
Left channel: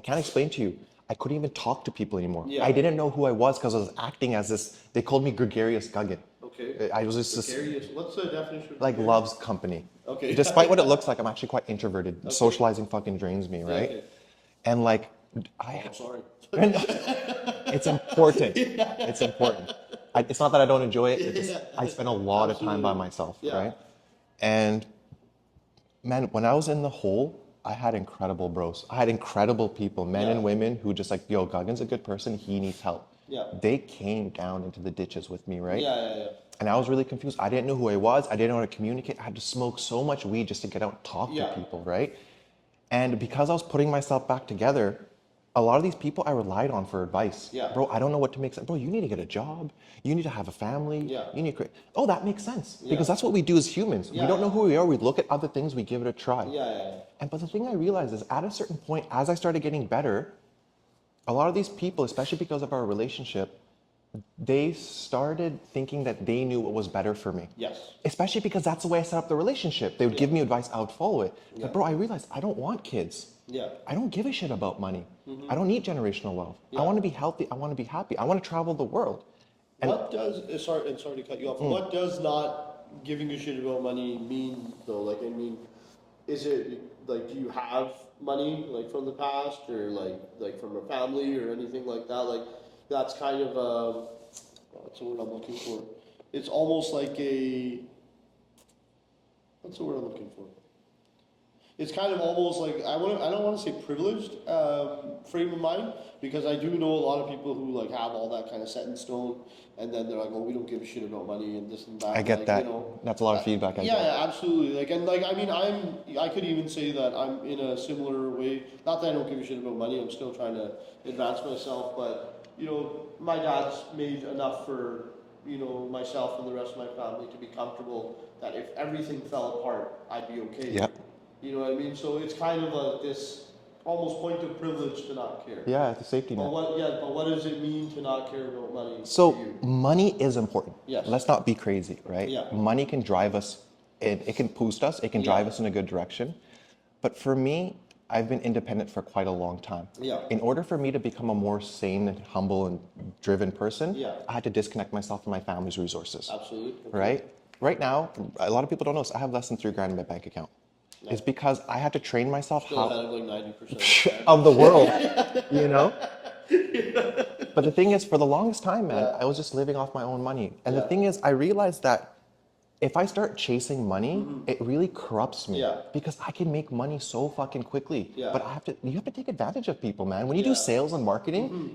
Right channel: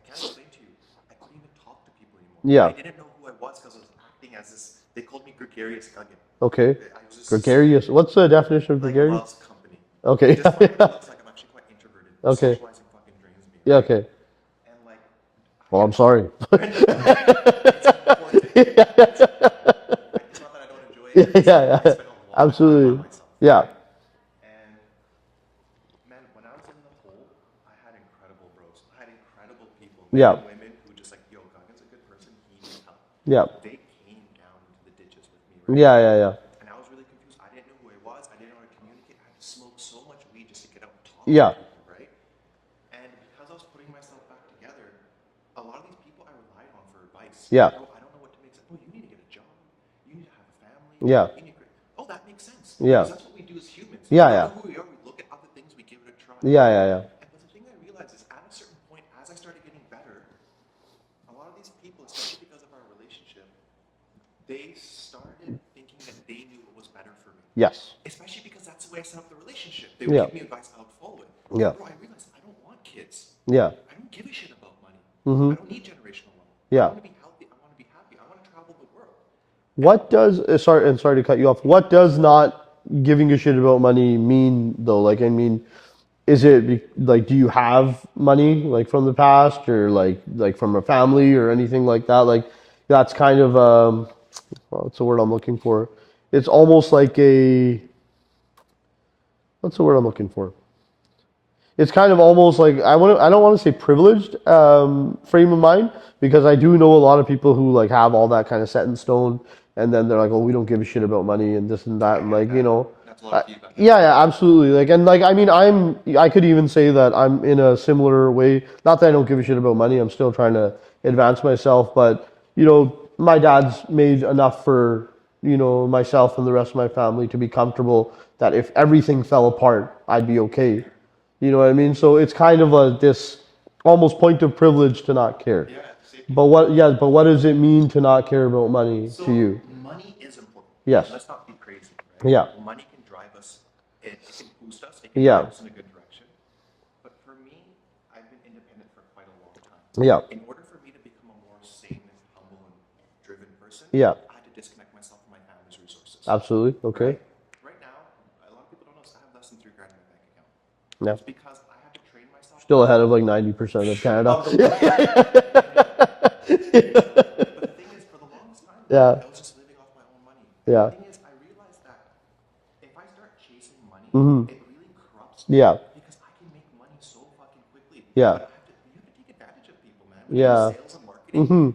can't explain to you. I couldn't even talk to people anymore. Yeah. I didn't know who I was because I was acting as this, they called me gregarious GAGAN. Okay. I was just gregarious. What's the definition of gregarious? Like loves company. Okay. Despite what it looks like, I'm actually quite introverted. Okay. Socializing fucking drains me, right? Yeah, okay. And like... I'm sorry. It's important. It's important. It's not that I don't enjoy it. I spend a lot of time by myself. Yeah. Right? And man, when I was in the hole, I had incredible bros. I had incredible people, men and women who just like, yo, Gagan's a good person. He needs help. Yeah. They came down into the ditches with me, right? Yeah. And I was really confused. I didn't know who I was. I didn't know how to communicate. I had to smoke so much weed just to get out and talk to people, right? And because I was putting myself back together, a lot of these people I relied on for advice. Yeah. Bro, I don't know what to make sense. Bro, you need to get a job. You need to have a family. Yeah. You need to oh, that makes sense. Yeah. Because that's what we do as humans. Yeah, We don't know who we are. We look at other things. We give it a try. Yeah. But the thing I realized is at a certain point, as I started getting better, a lot of these people, especially because of our relationship, they started thinking that they knew what was better for me. Yes. Especially because that's the way I set up the relationship. They would give me advice, I would follow it. Yeah. Bro, I realized I don't want kids. Yeah. I don't give a shit about money. Mm-hmm. I don't need generational wealth. Yeah. I want to be healthy. I want to be happy. I want to travel the world. What does, sorry to cut you off, what does not giving a shit about money mean though? Like, I mean, is it like, do you have money like from the past or like from a family or anything like that? Like, that's kind of, what's the word I'm looking for? It's almost like what's the word I'm looking for? It's kind of almost like, I don't want to say privileged frame of mind, because I do know a lot of people who like have all that kind of set in stone, and then they're like, oh, we don't give a shit about money and this and that. I get like, that. That's a lot of feedback. Yeah, absolutely. Like, and like, I mean, I could even say that I'm in a similar way. Not that I don't give a shit about money. I'm still trying to advance myself, but my dad's made enough for, myself and the rest of my family to be comfortable that if everything fell apart, I'd be okay. Yep. You know what I mean? So it's kind of this almost point of privilege to not care. Yeah, it's a safety. But what does it mean to not care about money to you? So money is important. Yes. Let's not be crazy, right? Yeah. Money can drive us. It can boost us. It can drive us in a good direction. But for me, I've been independent for quite a long time. Yeah. In order for me to become a more sane and humble and driven person, I had to disconnect myself from my family's resources. Absolutely. Okay. Right now, a lot of people don't know this. I have less than $3,000 in my bank account. Yeah. It's because I had to train myself. Still ahead of like 90% of Canada. Of the world, But the thing is, for the longest time, man, I was just living off my own money. And the thing is, I realized that if I start chasing money, it really corrupts me. Yeah. Because I can make money so fucking quickly. Yeah. But you have to take advantage of people, man. When you do sales and marketing,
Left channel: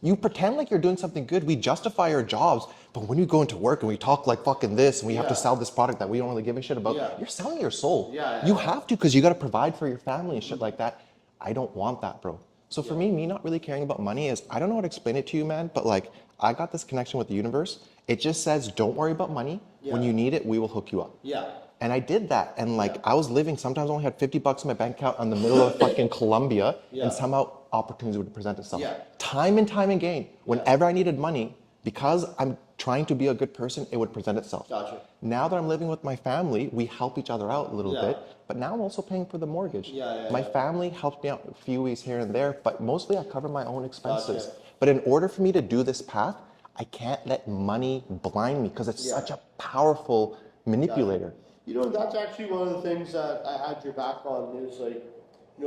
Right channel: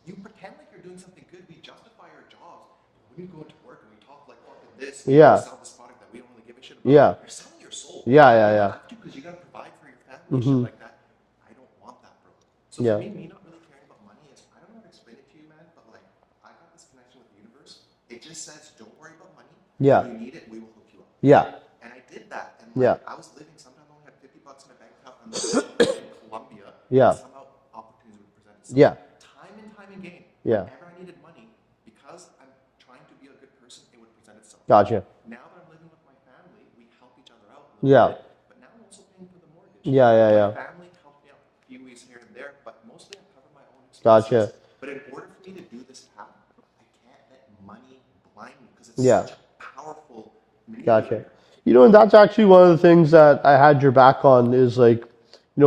you pretend like you're doing something good. We justify our jobs. But when you go into work and we talk like fucking this, and we have to sell this product that we don't really give a shit about, you're selling your soul. You have to, because you got to provide for your family and shit like that. I don't want that, bro. So for me not really caring about money is, I don't know how to explain it to you, man, but like, I got this connection with the universe. It just says, don't worry about money. When you need it, we will hook you up. Yeah. And I did that. And like, I was living, sometimes I only had $50 in my bank account in the middle of fucking Colombia. And somehow opportunity would present itself. Time and time again. Whenever I needed money, because I'm trying to be a good person, it would present itself. Gotcha. Now that I'm living with my family, we help each other out a little bit. But now I'm also paying for the mortgage. My family helps me out a few weeks here and there, but mostly I cover my own expenses. Gotcha. But in order for me to do this path, I can't let money blind me because it's such a powerful manipulator. Gotcha. And that's actually one of the things that I had your back on is like,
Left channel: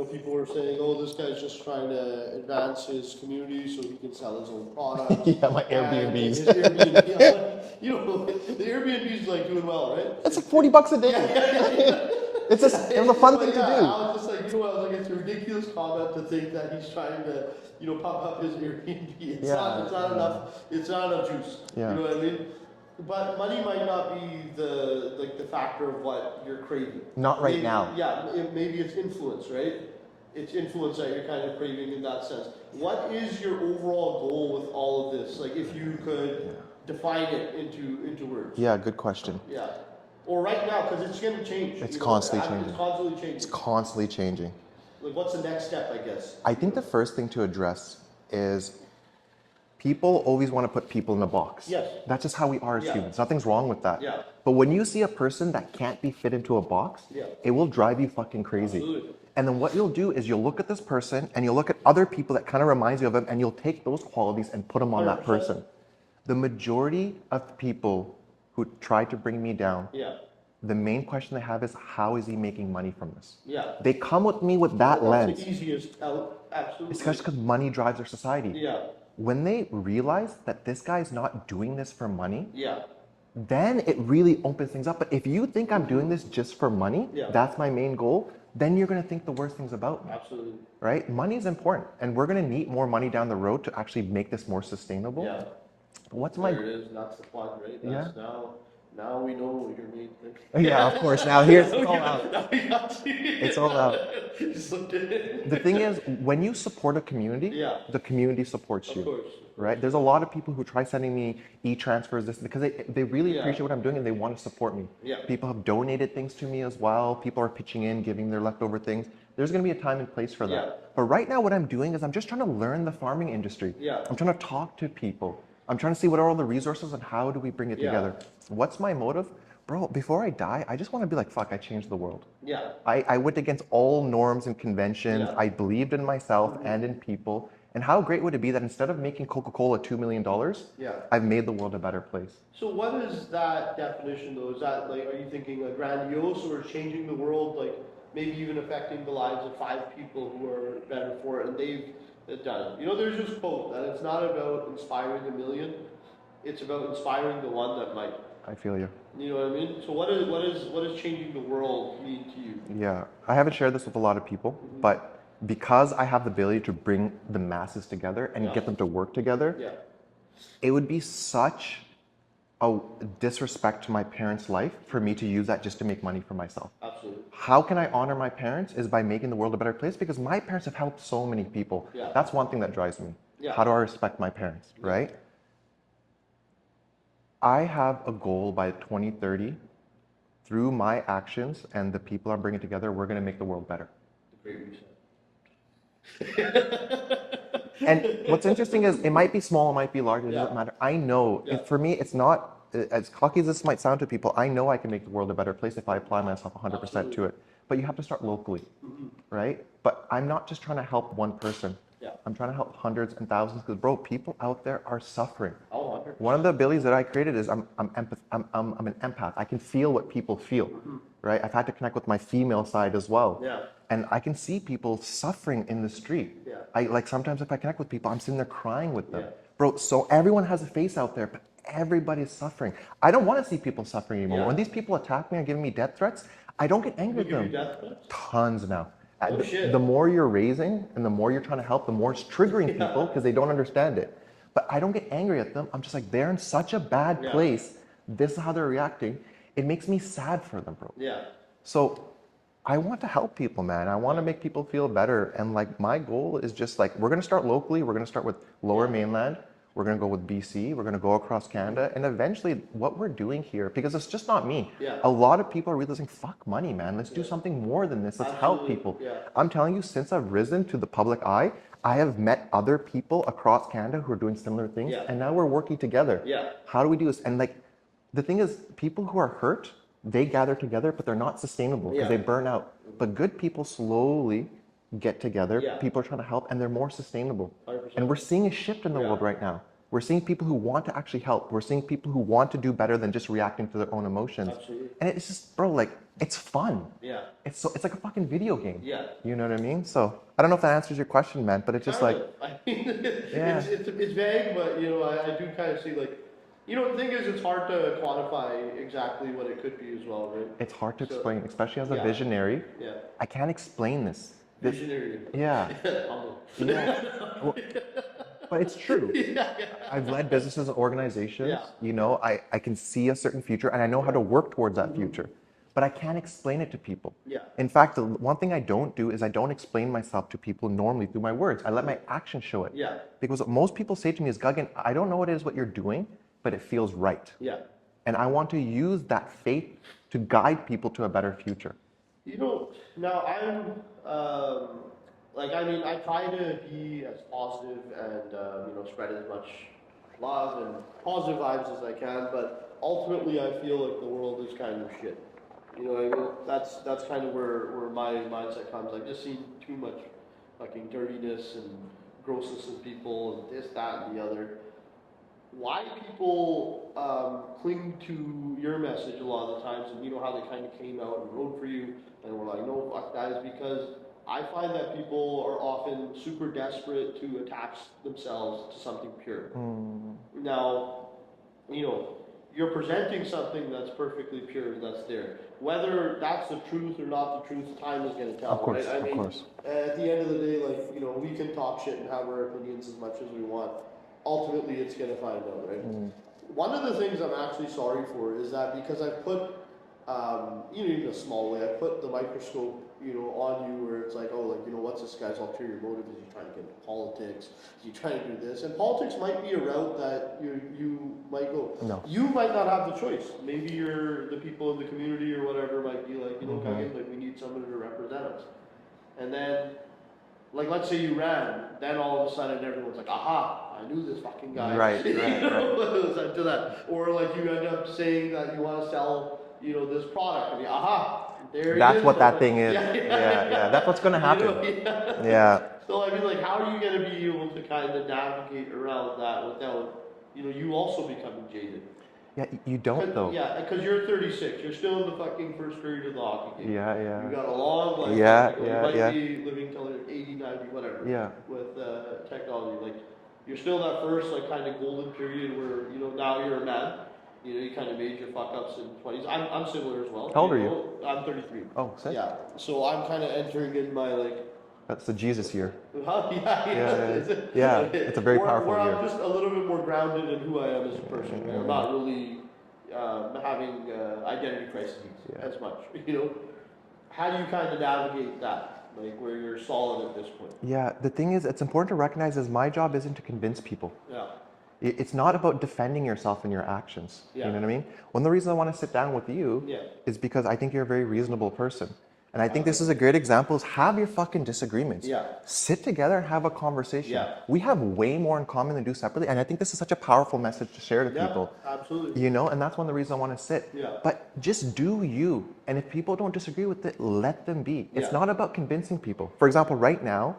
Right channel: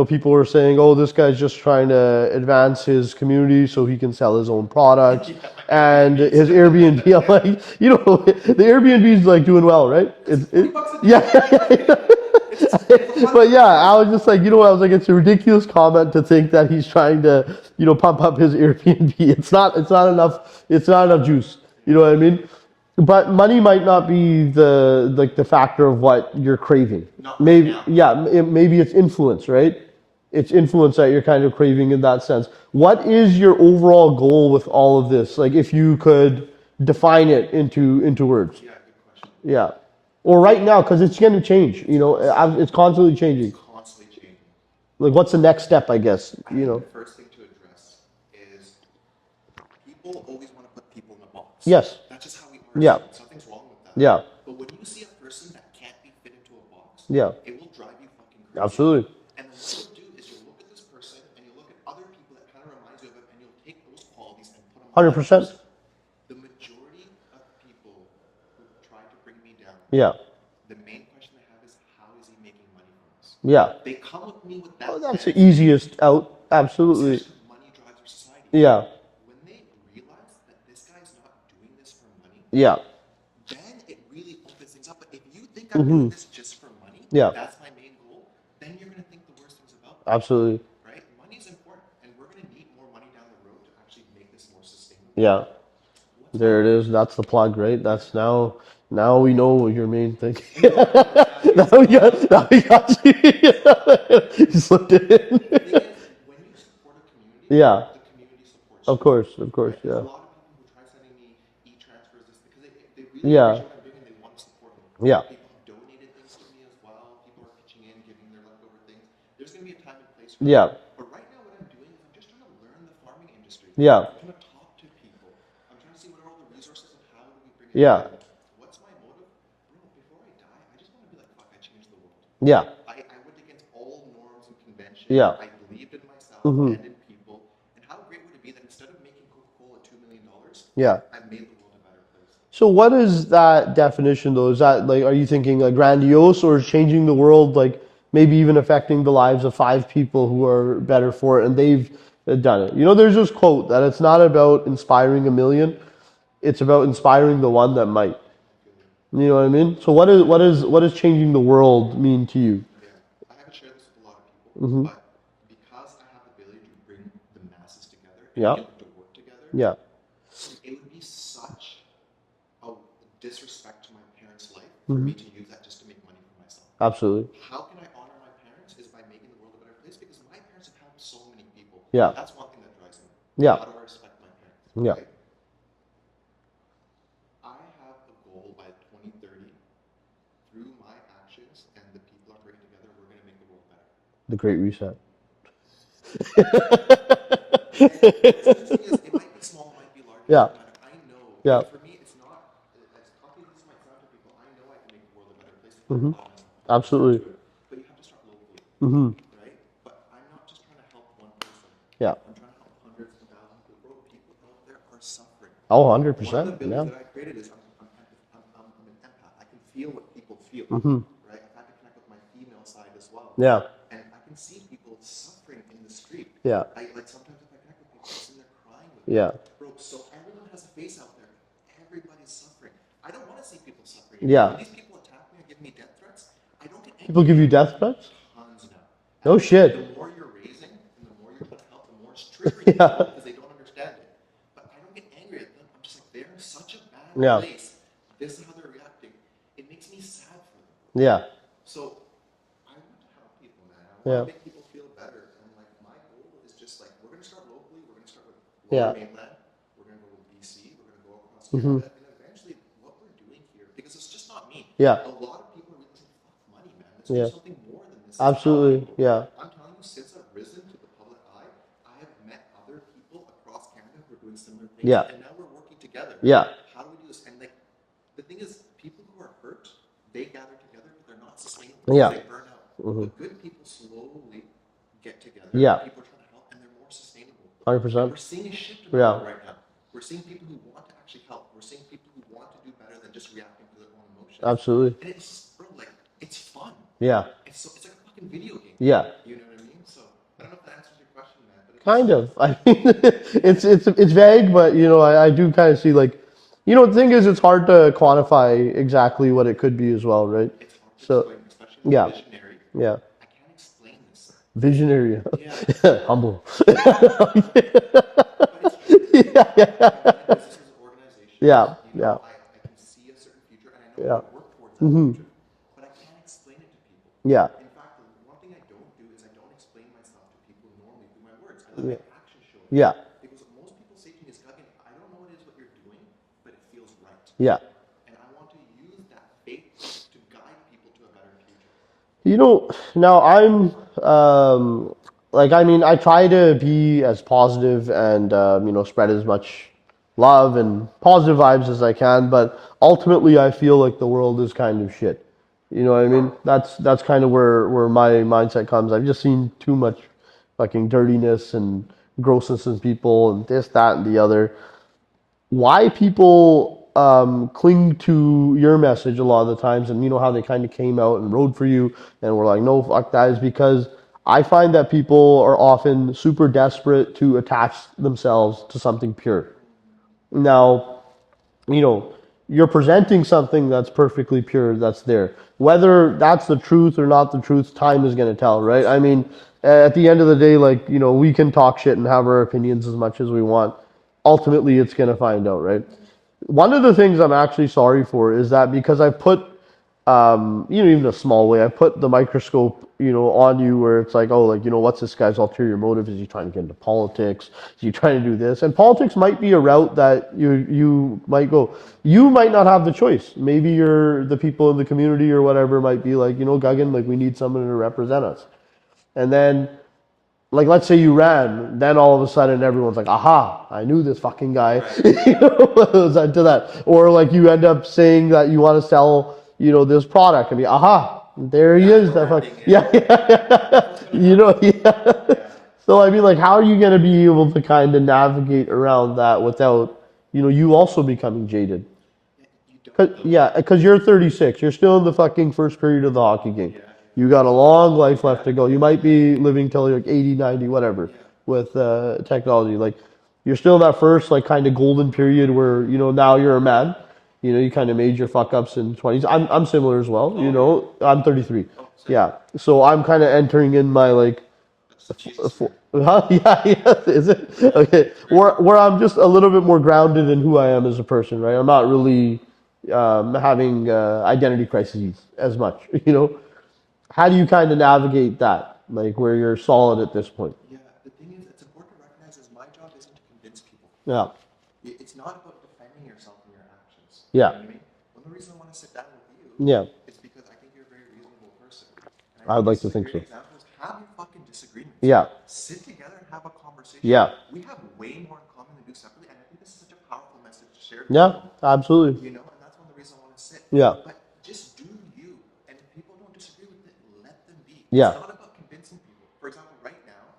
people were saying, oh, this guy's just trying to advance his community so he can sell his own product. And his Airbnb, I'm like, the Airbnb is like doing well, right? It's $40 a day. It's a fun But I was just like, I was like, it's a ridiculous comment to think that he's trying to, pump up his Airbnb. It's not enough juice. You know what I mean? But money might not be the factor of what you're craving. Not right Maybe, now. yeah, maybe it's influence, right? It's influence that you're kind of craving in that sense. What is your overall goal with all of this? Like, if you could define it into words. Yeah, good question. Yeah. Or right now, because it's going to change. It's constantly changing. It's constantly changing. It's constantly changing. Like, what's the next step, I guess? I think the first thing to address is people always want to put people in a box. Yes. That's just how we are as Yeah. humans. Nothing's wrong with that. Yeah. But when you see a person that can't be fit into a box, Yeah. it will drive you fucking crazy. Absolutely. And then what you'll do is you'll look at this person and you'll look at other people that kind of reminds you of them and you'll take those qualities and put them on 100%. that person. The majority of people who try to bring me down, Yeah. the main question they have is, how is he making money from this? Yeah. They come with me with that That's lens. the easiest out. Absolutely. Especially because money drives our society. Yeah. When they realize that this guy's not doing this for money, Yeah. then it really opens things up. But if you think I'm doing this just for money, Yeah. that's my main goal, then you're going to think the worst things about me, Absolutely. right? Money is important, and we're going to need more money down the road to actually make this more sustainable. Yeah. What's There my, it is. That's the plug, right? That's now we know your main thing. Yeah, of course. Now here's now we got you. It's all out. You slipped it in. The thing is, when you support a community, Yeah. the community supports you. Of course. Right? There's yeah. a lot of people who try sending me e-transfers this because they really Yeah. appreciate what I'm doing and they want to support me. Yeah. People have donated things to me as well. People are pitching in, giving their leftover things. There's going to be a time and place for Yeah. that. But right now what I'm doing is I'm just trying to learn the farming industry. Yeah. I'm trying to talk to people. I'm trying to see what are all the resources and how do we bring it Yeah. together. What's my motive? Bro, before I die, I just want to be like, fuck, I changed the world. Yeah. I went against all norms and conventions. Yeah. I believed in myself and in people. And how great would it be that instead of making Coca-Cola $2 million, Yeah. I've made the world a better place? So what is that definition though? Is that like, are you thinking like grandiose or changing the world, like maybe even affecting the lives of 5 people who are better for it and they've done it? You know, there's this quote that it's not about inspiring a million, it's about inspiring the one that might. I feel you. You know what I mean? So what is changing the world mean to you? Yeah. I haven't shared this with a lot of people, but because I have the ability to bring the masses together and Yeah. get them to work together, Yeah. it would be such a disrespect to my parents' life for me to use that just to make money for myself. Absolutely. How can I honor my parents is by making the world a better place because my parents have helped so many people. Yeah. That's one thing that drives me. Yeah. How do I respect my parents, right? I have a goal by 2030 through my actions and the people I'm bringing together, we're going to make the world better. The Great Reset. And what's interesting is it might be small, it might be large, it doesn't matter. I know, for me, it's not, as cocky as this might sound to people, I know I can make the world a better place if I apply myself 100% Absolutely. to it. But you have to start locally, right? But I'm not just trying to help one person. Yeah. I'm trying to help hundreds and thousands because, bro, people out there are suffering. Oh, 100%. One of the abilities that I created is I'm an empath. I can feel what people feel, right? I've had to connect with my female side as well. Yeah. And I can see people suffering in the street. Yeah. I like sometimes if I connect with people, I'm sitting there crying with them. Yeah. Bro, so everyone has a face out there, but everybody's suffering. I don't want to see people suffering anymore. Yeah. When these people attack me and giving me death threats, I don't get angry. People give you death threats? Tons now. No shit. The more you're raising and the more you're trying to help, the more it's triggering people because they don't understand it. But I don't get angry at them. I'm just like, they're in such a bad place. This is how they're reacting. It makes me sad for them, bro. Yeah. So I want to help people, man. I want to make people feel better. And like my goal is just like, we're going to start locally. We're going to start with Lower Mainland. We're going to go with BC. We're going to go across Canada. And eventually what we're doing here, because it's just not me. Yeah. A lot of people are realizing, fuck money, man. Let's do something more than this. Let's Absolutely. help people. Yeah. I'm telling you, since I've risen to the public eye, I have met other people across Canada who are doing similar things. Yeah. And now we're working together. Yeah. How do we do this? And like, the thing is, people who are hurt, they gather together, but they're not sustainable. Yeah. They burn out. But good people slowly get together. Yeah. People are trying to help and they're more sustainable. 100%. And we're seeing a shift in the world right now. We're seeing people who want to actually help. We're seeing people who want to do better than just reacting to their own emotions. Absolutely. And it's just, bro, like, it's fun. Yeah. It's like a fucking video game. Yeah. You know what I mean? So I don't know if that answers your question, man, but it's Kind just of. I mean, it's vague, but you know, I do kind of see like, you know, the thing is, it's hard to quantify exactly what it could be as well, right? it's hard to explain, especially as a visionary. Yeah. I can't explain this. Visionary. Yeah. Humble. But it's true. Yeah. I've led businesses and organizations. Yeah. You know, Yeah. I can see a certain future and I know how Yeah. to work towards that future. But I can't explain it to people. Yeah. In fact, the one thing I don't do is I don't explain myself to people normally through my words. I let my actions show it. Yeah. Because what most people say to me is, Gagan, I don't know what it is what you're doing, but it feels right. Yeah. And I want to use that faith to guide people to a better future. You know, now I'm like, I mean, I try to be as positive and you know, spread as much love and positive vibes as I can, but ultimately I feel like the world is kind of shit. You know what I mean? That's kind of where my mindset comes. I've just seen too much fucking dirtiness and grossness in people and this, that, and the other. Why people cling to your message a lot of the times, and you know how they kind of came out and rode for you and were like, no, fuck that, is because I find that people are often super desperate to attach themselves to something pure. Now, you know, you're presenting something that's perfectly pure, that's there. Whether that's the truth or not the truth, time is going to tell, right? I mean, at the end of the day, like, you know, we can talk shit and have our opinions as much as we want. Ultimately, it's going to find out, right? One of the things I'm actually sorry for is that because I put, you know, even a small way, I put the microscope, you know, on you where it's like, oh, like, you know, what's this guy's ulterior motive? Is he trying to get into politics? Is he trying to do this? And politics might be a route that you might go. No. You might not have the choice. Maybe the people in the community or whatever might be like, you know, Gagan, like, we need someone to represent us. And then, like, let's say you ran, then all of a sudden everyone's like, aha, I knew this fucking guy. Right. You know, to that. Or like you end up saying that you want to sell, you know, this product and be, aha, there he is. That's what that thing is. Yeah. That's what's going to happen. You know, yeah. Yeah. So I mean, like, how are you going to be able to kind of navigate around that without, you know, you also becoming jaded? Yeah, you don't though. Yeah, because you're 36. You're still in the fucking first period of the hockey game. Yeah, yeah. You got a long life left to go. You might yeah. be living till you're like 80, 90, whatever. Yeah. With technology, like, you're still in that first like kind of golden period where, you know, now you're a man. You know, you kind of made your fuck ups in 20s. I'm similar as well. Oh, you know, I'm 33. Oh, same. Yeah. So I'm kind of entering in my like. That's the Jesus year. Huh? Yeah. Is it? Yeah. Okay. It's a very where I'm just a little bit more grounded in who I am as a person, right? I'm not really having identity crises as much. You know, how do you kind of navigate that, like where you're solid at this point? Yeah. The thing is, it's important to recognize is my job isn't to convince people. Yeah. It's not about defending yourself in your actions. Yeah. You know what I mean? One of the reasons I want to sit down with you is because I think you're a very reasonable person. And I think this is a great example is have your fucking disagreements. Yeah. Sit together and have a conversation. Yeah. We have way more in common than do separately. And I think this is such a powerful message to share to people. Yeah, absolutely. You know, and that's one of the reasons I want to sit. Yeah. But just do you. And if people don't disagree with it, let them be. Yeah. It's not about convincing people. For example, right now,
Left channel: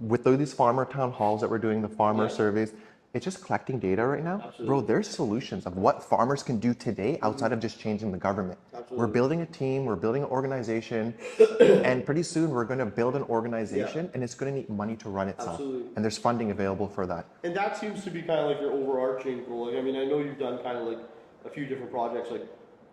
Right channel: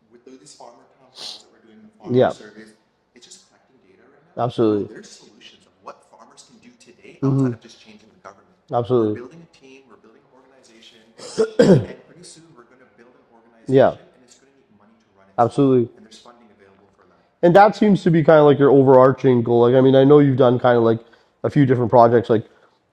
with these farmer town halls that we're doing, the farmer surveys, it's just collecting data right now. Absolutely. Bro, there's solutions of what farmers can do today outside of just changing the government. Absolutely. We're building a team, we're building an organization, and pretty soon we're going to build an organization and it's going to need money to run it. Absolutely. And there's funding available for that. And that seems to be kind of like your overarching goal. Like, I mean, I know you've done kind of like a few different projects, like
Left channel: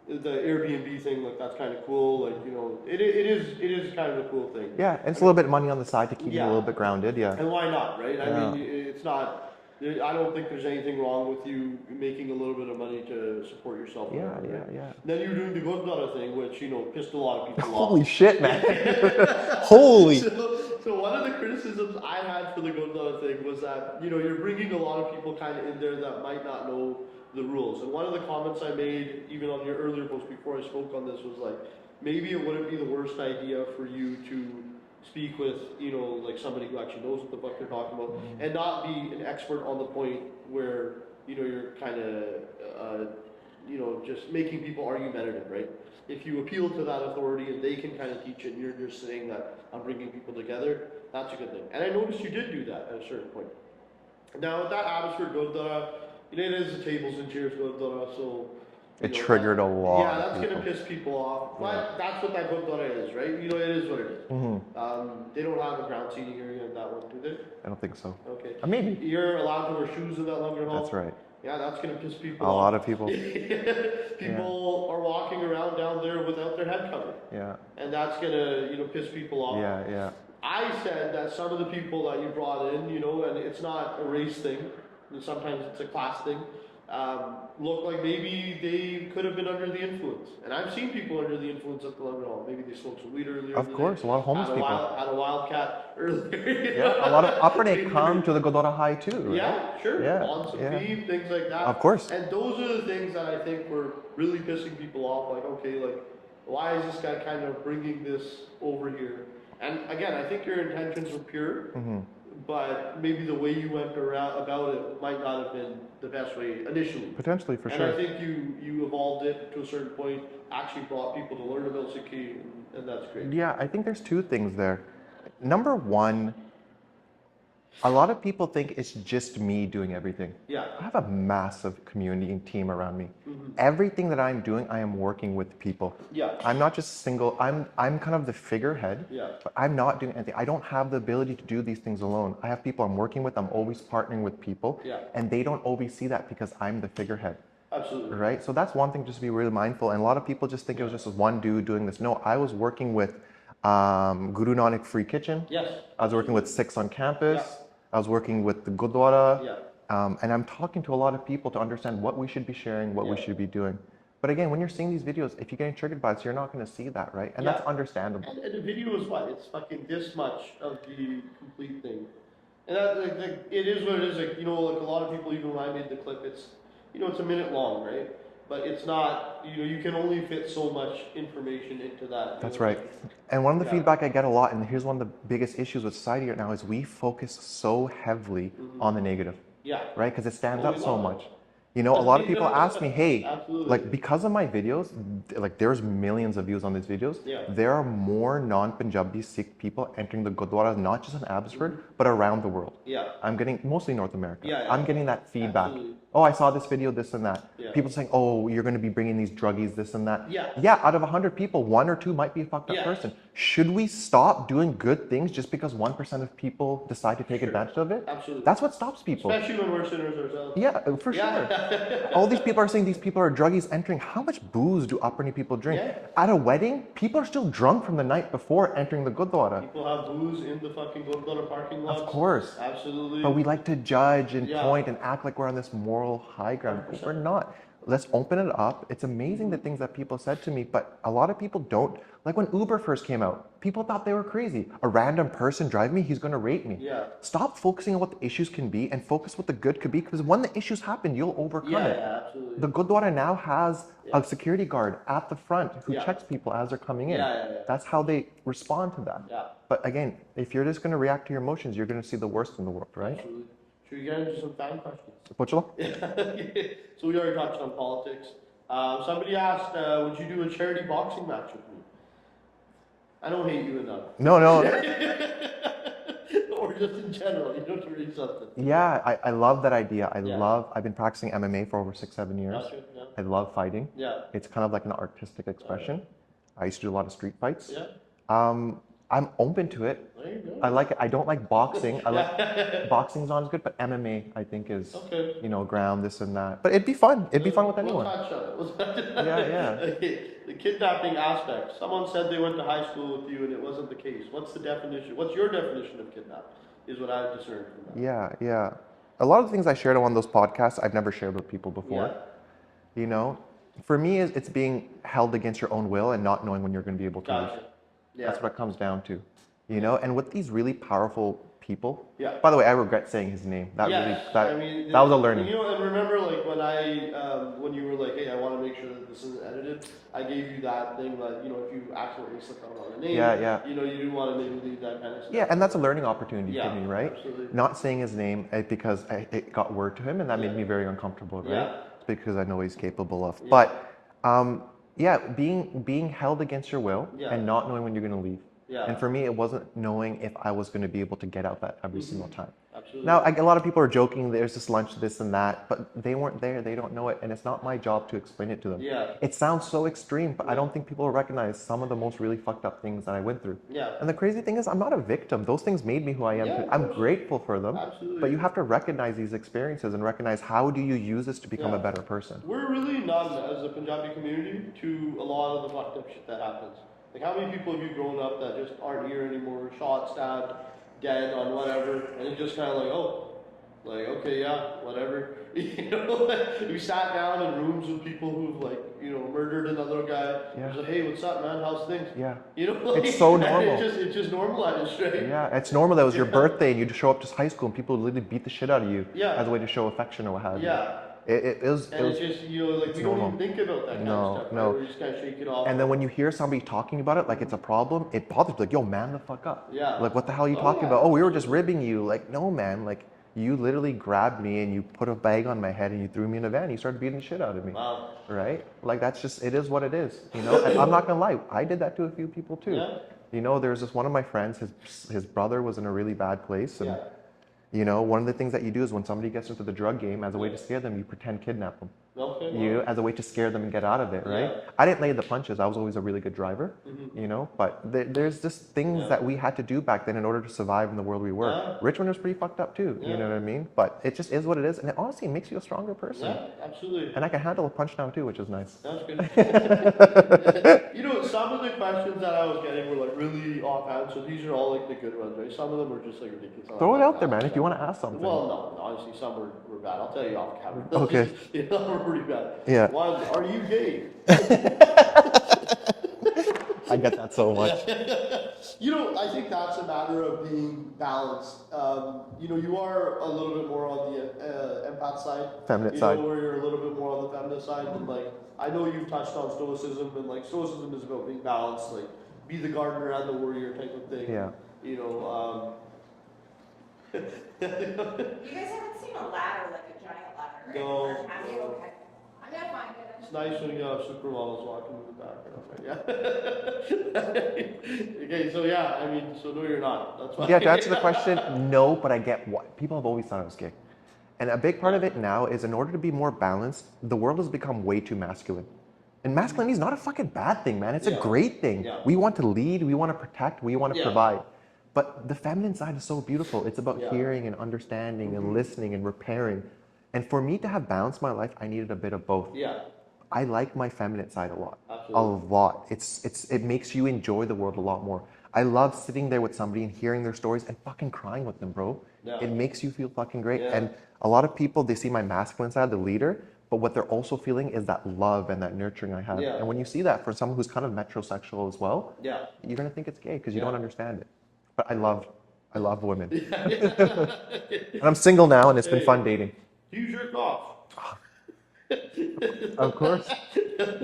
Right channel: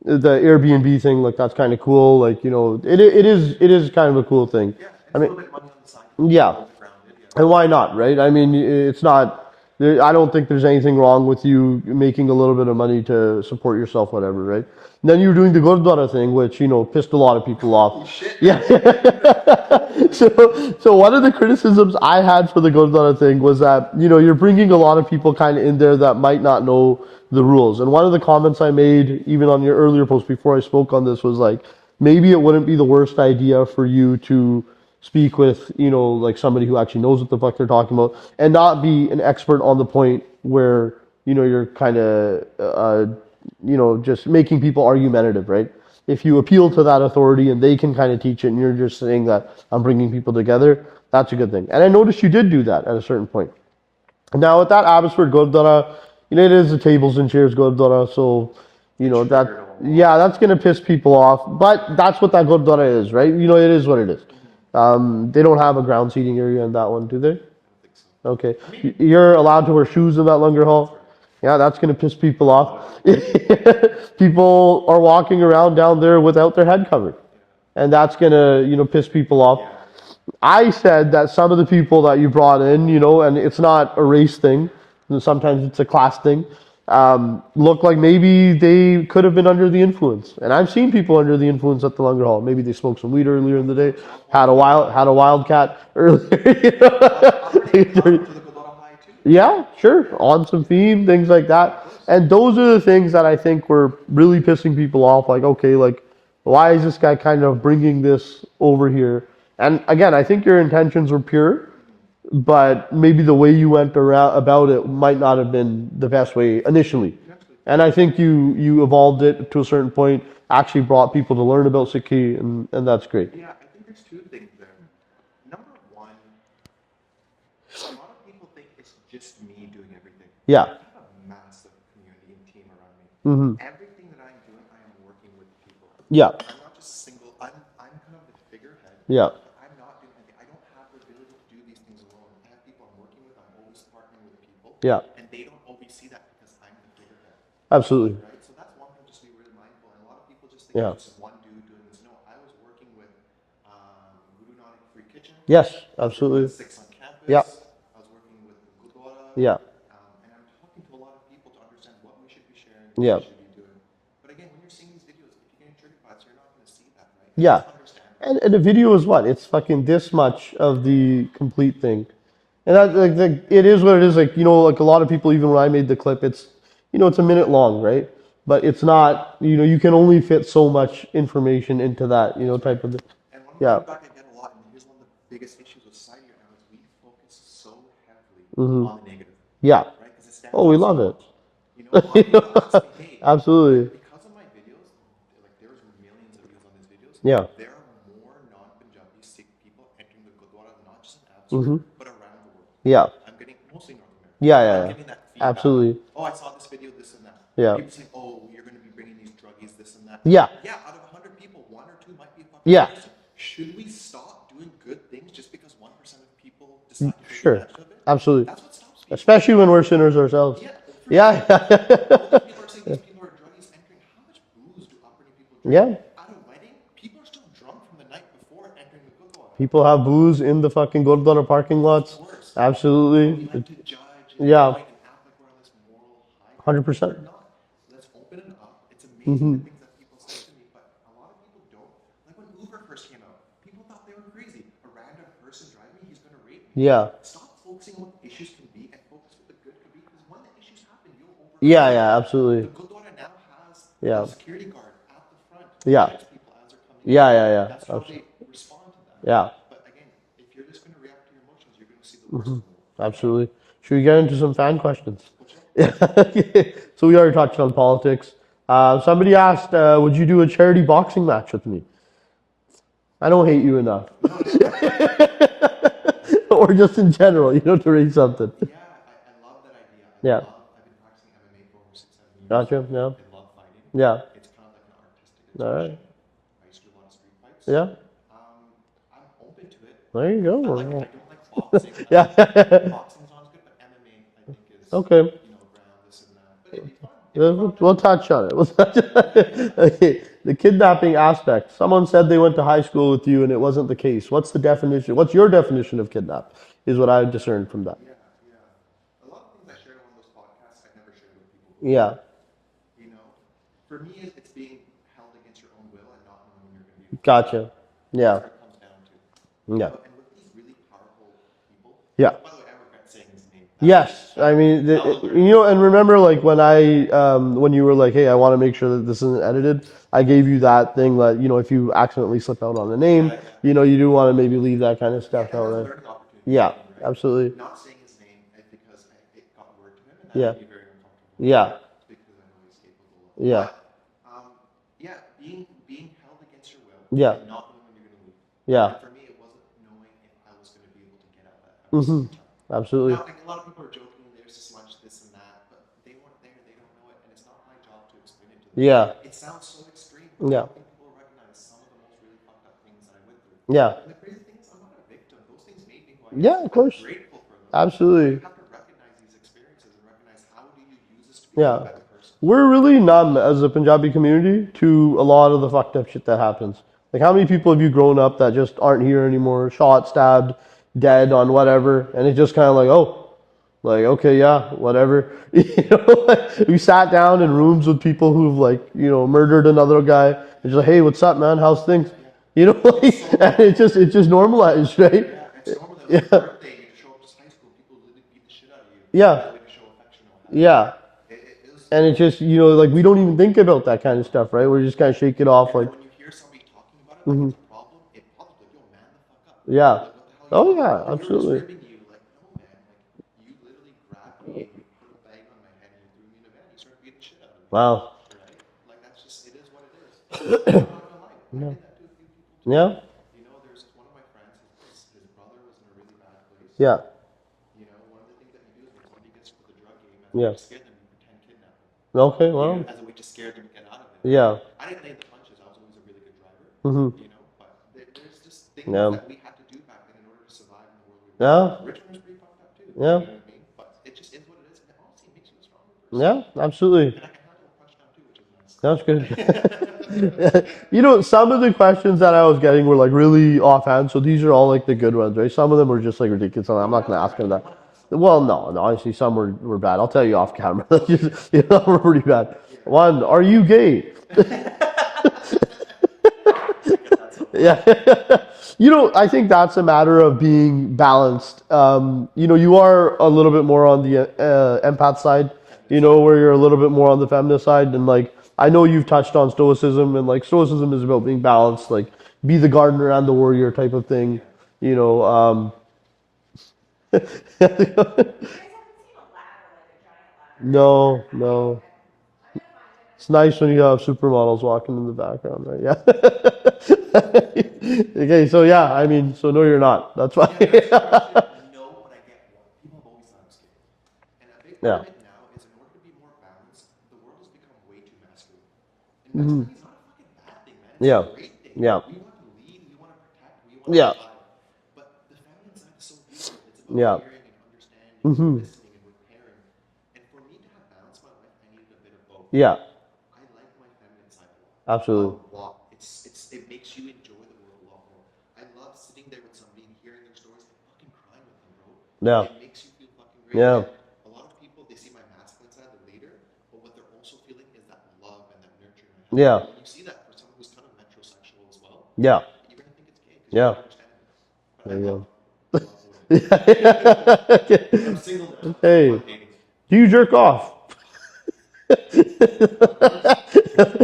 the Airbnb thing, like that's kind of cool. Like, you know, it is kind of a cool thing. Yeah, and it's a little bit of money on the side to keep you a little bit grounded. Yeah. And why not, right? I mean, it's not. I don't think there's anything wrong with you making a little bit of money to support yourself, whatever, right? Yeah. Then you were doing the Gurdwara thing, which, you know, pissed a lot of people off. Holy shit, man. Yeah. Holy. So one of the criticisms I had for the Gurdwara thing was that, you know, you're bringing a lot of people kind of in there that might not know the rules. And one of the comments I made, even on your earlier post before I spoke on this, was like, maybe it wouldn't be the worst idea for you to speak with, you know, like somebody who actually knows what the fuck they're talking about and not be an expert on the point where, you know, you're kind of, you know, just making people argumentative, right? If you appeal to that authority and they can kind of teach it and you're just saying that I'm bringing people together, that's a good thing. And I noticed you did do that at a certain point. Now, at that Abbotsford Gurdwara, you know, it is the tables and chairs Gurdwara, so, you know, that's going to piss people off. But that's what that Gurdwara is, right? You know, it is what it is. Mm-hmm. They don't have a ground seating area in that one, do they? I don't think so. Okay. Maybe. You're allowed to wear shoes in that Langar Hall? That's right. Yeah, that's going to piss people off. A lot of people. People are walking around down there without their head covered. Yeah. And that's going to, you know, piss people off. Yeah, yeah. I said that some of the people that you brought in, you know, and it's not a race thing, and sometimes it's a class thing, look like maybe they could have been under the influence. And I've seen people under the influence at the Lunger Hall. Maybe they smoked some weed earlier in the day, had a wildcat earlier. Yeah, a lot of Upper come to the Godora High too. Yeah, sure, on some theme, things like that. Of course. And those are the things that I think were really pissing people off. Like, okay, like, why is this guy kind of bringing this over here? And again, I think your intentions were pure, but maybe the way you went around about it might not have been the best way initially. Potentially, for and sure. I think you evolved it to a certain point, actually brought people to learn about Sikhi, and that's great. Yeah, I think there's two things there. Number one, a lot of people think it's just me doing everything. Yeah. I have a massive community and team around me. Everything that I'm doing, I am working with people. Yeah. I'm not just single. I'm kind of the figurehead. Yeah. But I'm not doing anything. I don't have the ability to do these things alone. I have people I'm working with. I'm always partnering with people. Yeah. And they don't always see that because I'm the figurehead. Absolutely. Right? So that's one thing just to be really mindful. And a lot of people just think it was just one dude doing this. No, I was working with Guru Nanak Free Kitchen. Yes, I was working with Sikhs on campus. Yeah. I was working with the Gurdwara. Yeah. And I'm talking to a lot of people to understand what we should be sharing, what we should be doing. But again, when you're seeing these videos, if you're getting triggered by it, you're not going to see that, right? And that's understandable. And the video is what? It's fucking this much of the complete thing. And that, like, it is what it is. Like, you know, like a lot of people, even when I made the clip, it's, you know, it's a minute long, right? But it's not, you know, you can only fit so much information into that, you know, type of thing. And one of the feedback I get a lot, and here's one of the biggest issues with society right now, is we focus so heavily on the negative. Yeah. Right? Because it stands out so much. You know, a lot of people ask me, hey, absolutely, like because of my videos, like there's millions of views on these videos. Yeah. There are more non-Punjabi Sikh people entering the Gurdwaras, not just in Abbotsford, but around the world. Yeah. I'm getting mostly North America. Yeah. I'm getting that feedback. Absolutely. Oh, I saw this video, this and that. Yeah. People saying, oh, you're going to be bringing these druggies, this and that. Yeah. Yeah. Out of 100 people, 1 or 2 might be a fucked up person. Should we stop doing good things just because 1% of people decide to take advantage of it? Absolutely. That's what stops people. Especially when we're sinners ourselves. Yeah, for sure. All these people are saying these people are druggies entering. How much booze do Upperni people drink? Yeah. At a wedding, people are still drunk from the night before entering the Gurdwara. People have booze in the fucking Gurdwara parking lots. Of course. Absolutely. But we like to judge and point and act like we're on this moral high ground. 100%. We're not. Let's open it up. It's amazing the things that people said to me, but a lot of people don't. Like when Uber first came out, people thought they were crazy. A random person driving me, he's going to rate me. Yeah. Stop focusing on what the issues can be and focus what the good could be, because when the issues happen, you'll overcome it. Yeah, absolutely. The Gurdwara now has a security guard at the front who checks people as they're coming in. Yeah. That's how they respond to that. Yeah. But again, if you're just going to react to your emotions, you're going to see the worst in the world, right? Absolutely. Should we get into some fan questions? So we already touched on politics. Somebody asked, would you do a charity boxing match with me? I don't hate you enough. No. Or just in general, you know, to raise something. Yeah, I love that idea. I've been practicing MMA for over 6-7 years. Gotcha, yeah. I love fighting. Yeah. It's kind of like an artistic expression. Right. I used to do a lot of street fights. Yeah. I'm open to it. There you go. I like it. I don't like boxing. Boxing's not as good, but MMA I think is okay. You know, ground this and that. But it'd be fun. It'd be fun with We'll touch on it. Yeah. Okay. The kidnapping aspect. Someone said they went to high school with you and it wasn't the case. What's the definition? What's your definition of kidnap? Is what I discerned from that. Yeah. A lot of the things I shared on those podcasts, I've never shared with people before. Yeah. You know, for me, it's being held against your own will and not knowing when you're going to be able to. Gotcha. Yeah. That's what it comes down to. You know, and with these really powerful people. Yeah. By the way, I regret saying his name. That was a learning. You know, and remember, like when you were like, "Hey, I want to make sure that this isn't edited," I gave you that thing that, you know, if you accidentally slip out on the name, you know, you do want to maybe leave that kind of stuff. Yeah, and that's a learning opportunity for me, right? Absolutely. Not saying his name because it got word to him, and that made me very uncomfortable. Yeah. Because I know he's capable of. Yeah. But being held against your will and not knowing when you're going to leave. Yeah. And for me, it wasn't knowing if I was going to be able to get out that every single time. Absolutely. Now, a lot of people are joking, there's this lunch, this and that, but they weren't there, they don't know it, and it's not my job to explain it to them. Yeah. It sounds so extreme, but I don't think people recognize some of the most really fucked up things that I went through. Yeah. And the crazy thing is, I'm not a victim. Those things made me who I am. Yeah, of course. I'm grateful for them. Absolutely. But you have to recognize these experiences and recognize how do you use this to become a better person. We're really numb as a Punjabi community to a lot of the fucked up shit that happens. Like, how many people have you grown up that just aren't here anymore, shot, stabbed, dead on whatever, and it's just kind of like, oh, like, okay, yeah, whatever. Like, we sat down in rooms with people who've, like, murdered another guy. Yeah. It's like, hey, what's up, man? How's things? Yeah. Like, it's so normal. It's just normalized, right? Yeah, it's normal. That was your birthday and you'd show up to high school and people would literally beat the shit out of you as a way to show affection or what have you. Yeah. It's just, like, we don't even think about that kind of stuff, right? We're just kind of shake it off. And then when you hear somebody talking about it, like it's a problem, it bothers you. Like, yo, man the fuck up. Yeah. Like, what the hell are you talking about? Oh, absolutely. we were just ribbing you. Like, no, man. Like, you literally grabbed me and you put a bag on my head and you threw me in a van and you started beating the shit out of me. Wow. Right? Like, that's just, it is what it is. And I'm not gonna lie, I did that to a few people too. Yeah. There's this one of my friends, his brother was in a really bad place. Yeah. One of the things that you do is when somebody gets into the drug game, as a way to scare them, you pretend kidnap them. Okay, well. As a way to scare them and get out of it. Right? Yeah. I didn't lay the punches. I was always a really good driver. But there's just things that we had to do back then in order to survive in the world we were. Yeah. Richmond was pretty fucked up too. Yeah. You know what I mean? But it just is what it is, and it honestly makes you a stronger person. Yeah, absolutely. And I can handle a punch now too, which is nice. That's good. Some of the questions that I was getting were like really offhand, so these are all like the good ones, right? Some of them were just like ridiculous. I'm not going to ask them that. You want to ask something? Well, no, honestly, some were bad. I'll tell you off camera. Okay. Some were pretty bad. Yeah. One, are you gay? I get that so much. Yeah. I think that's a matter of being balanced. You are a little bit more on the empath side, Feminine side. where you're a little bit more on the feminist side. And like, I know you've touched on stoicism, and like stoicism is about being balanced, like be the gardener and the warrior type of thing. Yeah. You guys haven't seen a ladder, like a giant ladder? No. I'm gonna find it. It's nice when you have supermodels walking in the background, right? Yeah. Okay, so yeah, so no, you're not. That's why. Yeah, to answer the question, no, but I get what. People have always thought I was gay. And a big part of it now is in order to be more balanced, the world has become way too masculine. And masculinity is not a fucking bad thing, man. It's a great thing. Yeah. We want to lead, we want to protect, we want to provide. But the feminine side is so beautiful. It's about hearing and understanding and listening and repairing. And for me to have balanced my life, I needed a bit of both. Yeah. I like my feminine side a lot. Absolutely. A lot. It makes you enjoy the world a lot more. I love sitting there with somebody and hearing their stories and fucking crying with them, bro. Yeah. It makes you feel fucking great. Yeah. And a lot of people, they see my masculine side, the leader, but what they're also feeling is that love and that nurturing I have. Yeah. And when you see that for someone who's kind of metrosexual as well, Yeah. you're gonna think it's gay because you don't understand it. But I love women. And I'm single now, and it's been fun dating. Do you jerk off? Of course.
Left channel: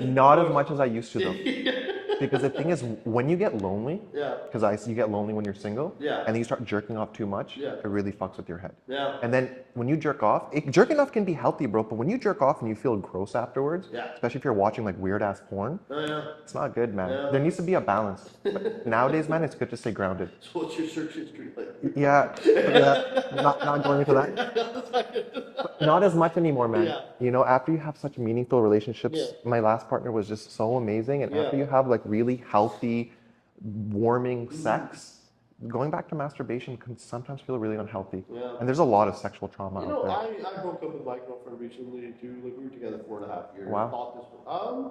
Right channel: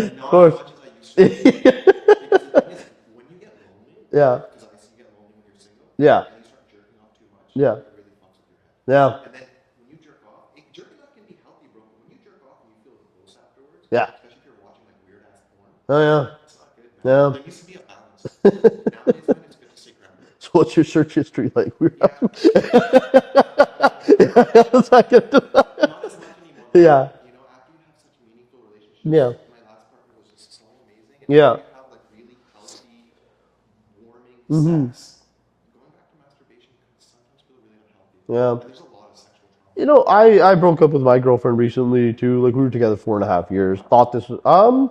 Not as much as I used to, though. Because the thing is, when you get lonely, because you get lonely when you're single, and then you start jerking off too much, it really fucks with your head. Yeah. And then when you jerk off, jerking off can be healthy, bro, but when you jerk off and you feel gross afterwards, especially if you're watching like weird ass porn, it's not good, man. Yeah. There needs to be a balance. But nowadays, man, it's good to stay grounded. So what's your search history like? Not going into that. Not as much anymore, man. Yeah. After you have such meaningful relationships, my last partner was just so amazing. And after you have like really healthy, warming sex, going back to masturbation can sometimes feel really unhealthy. Yeah. And there's a lot of sexual trauma. I broke up with my girlfriend recently too. Like, we were together 4.5 years. Wow. Thought this was,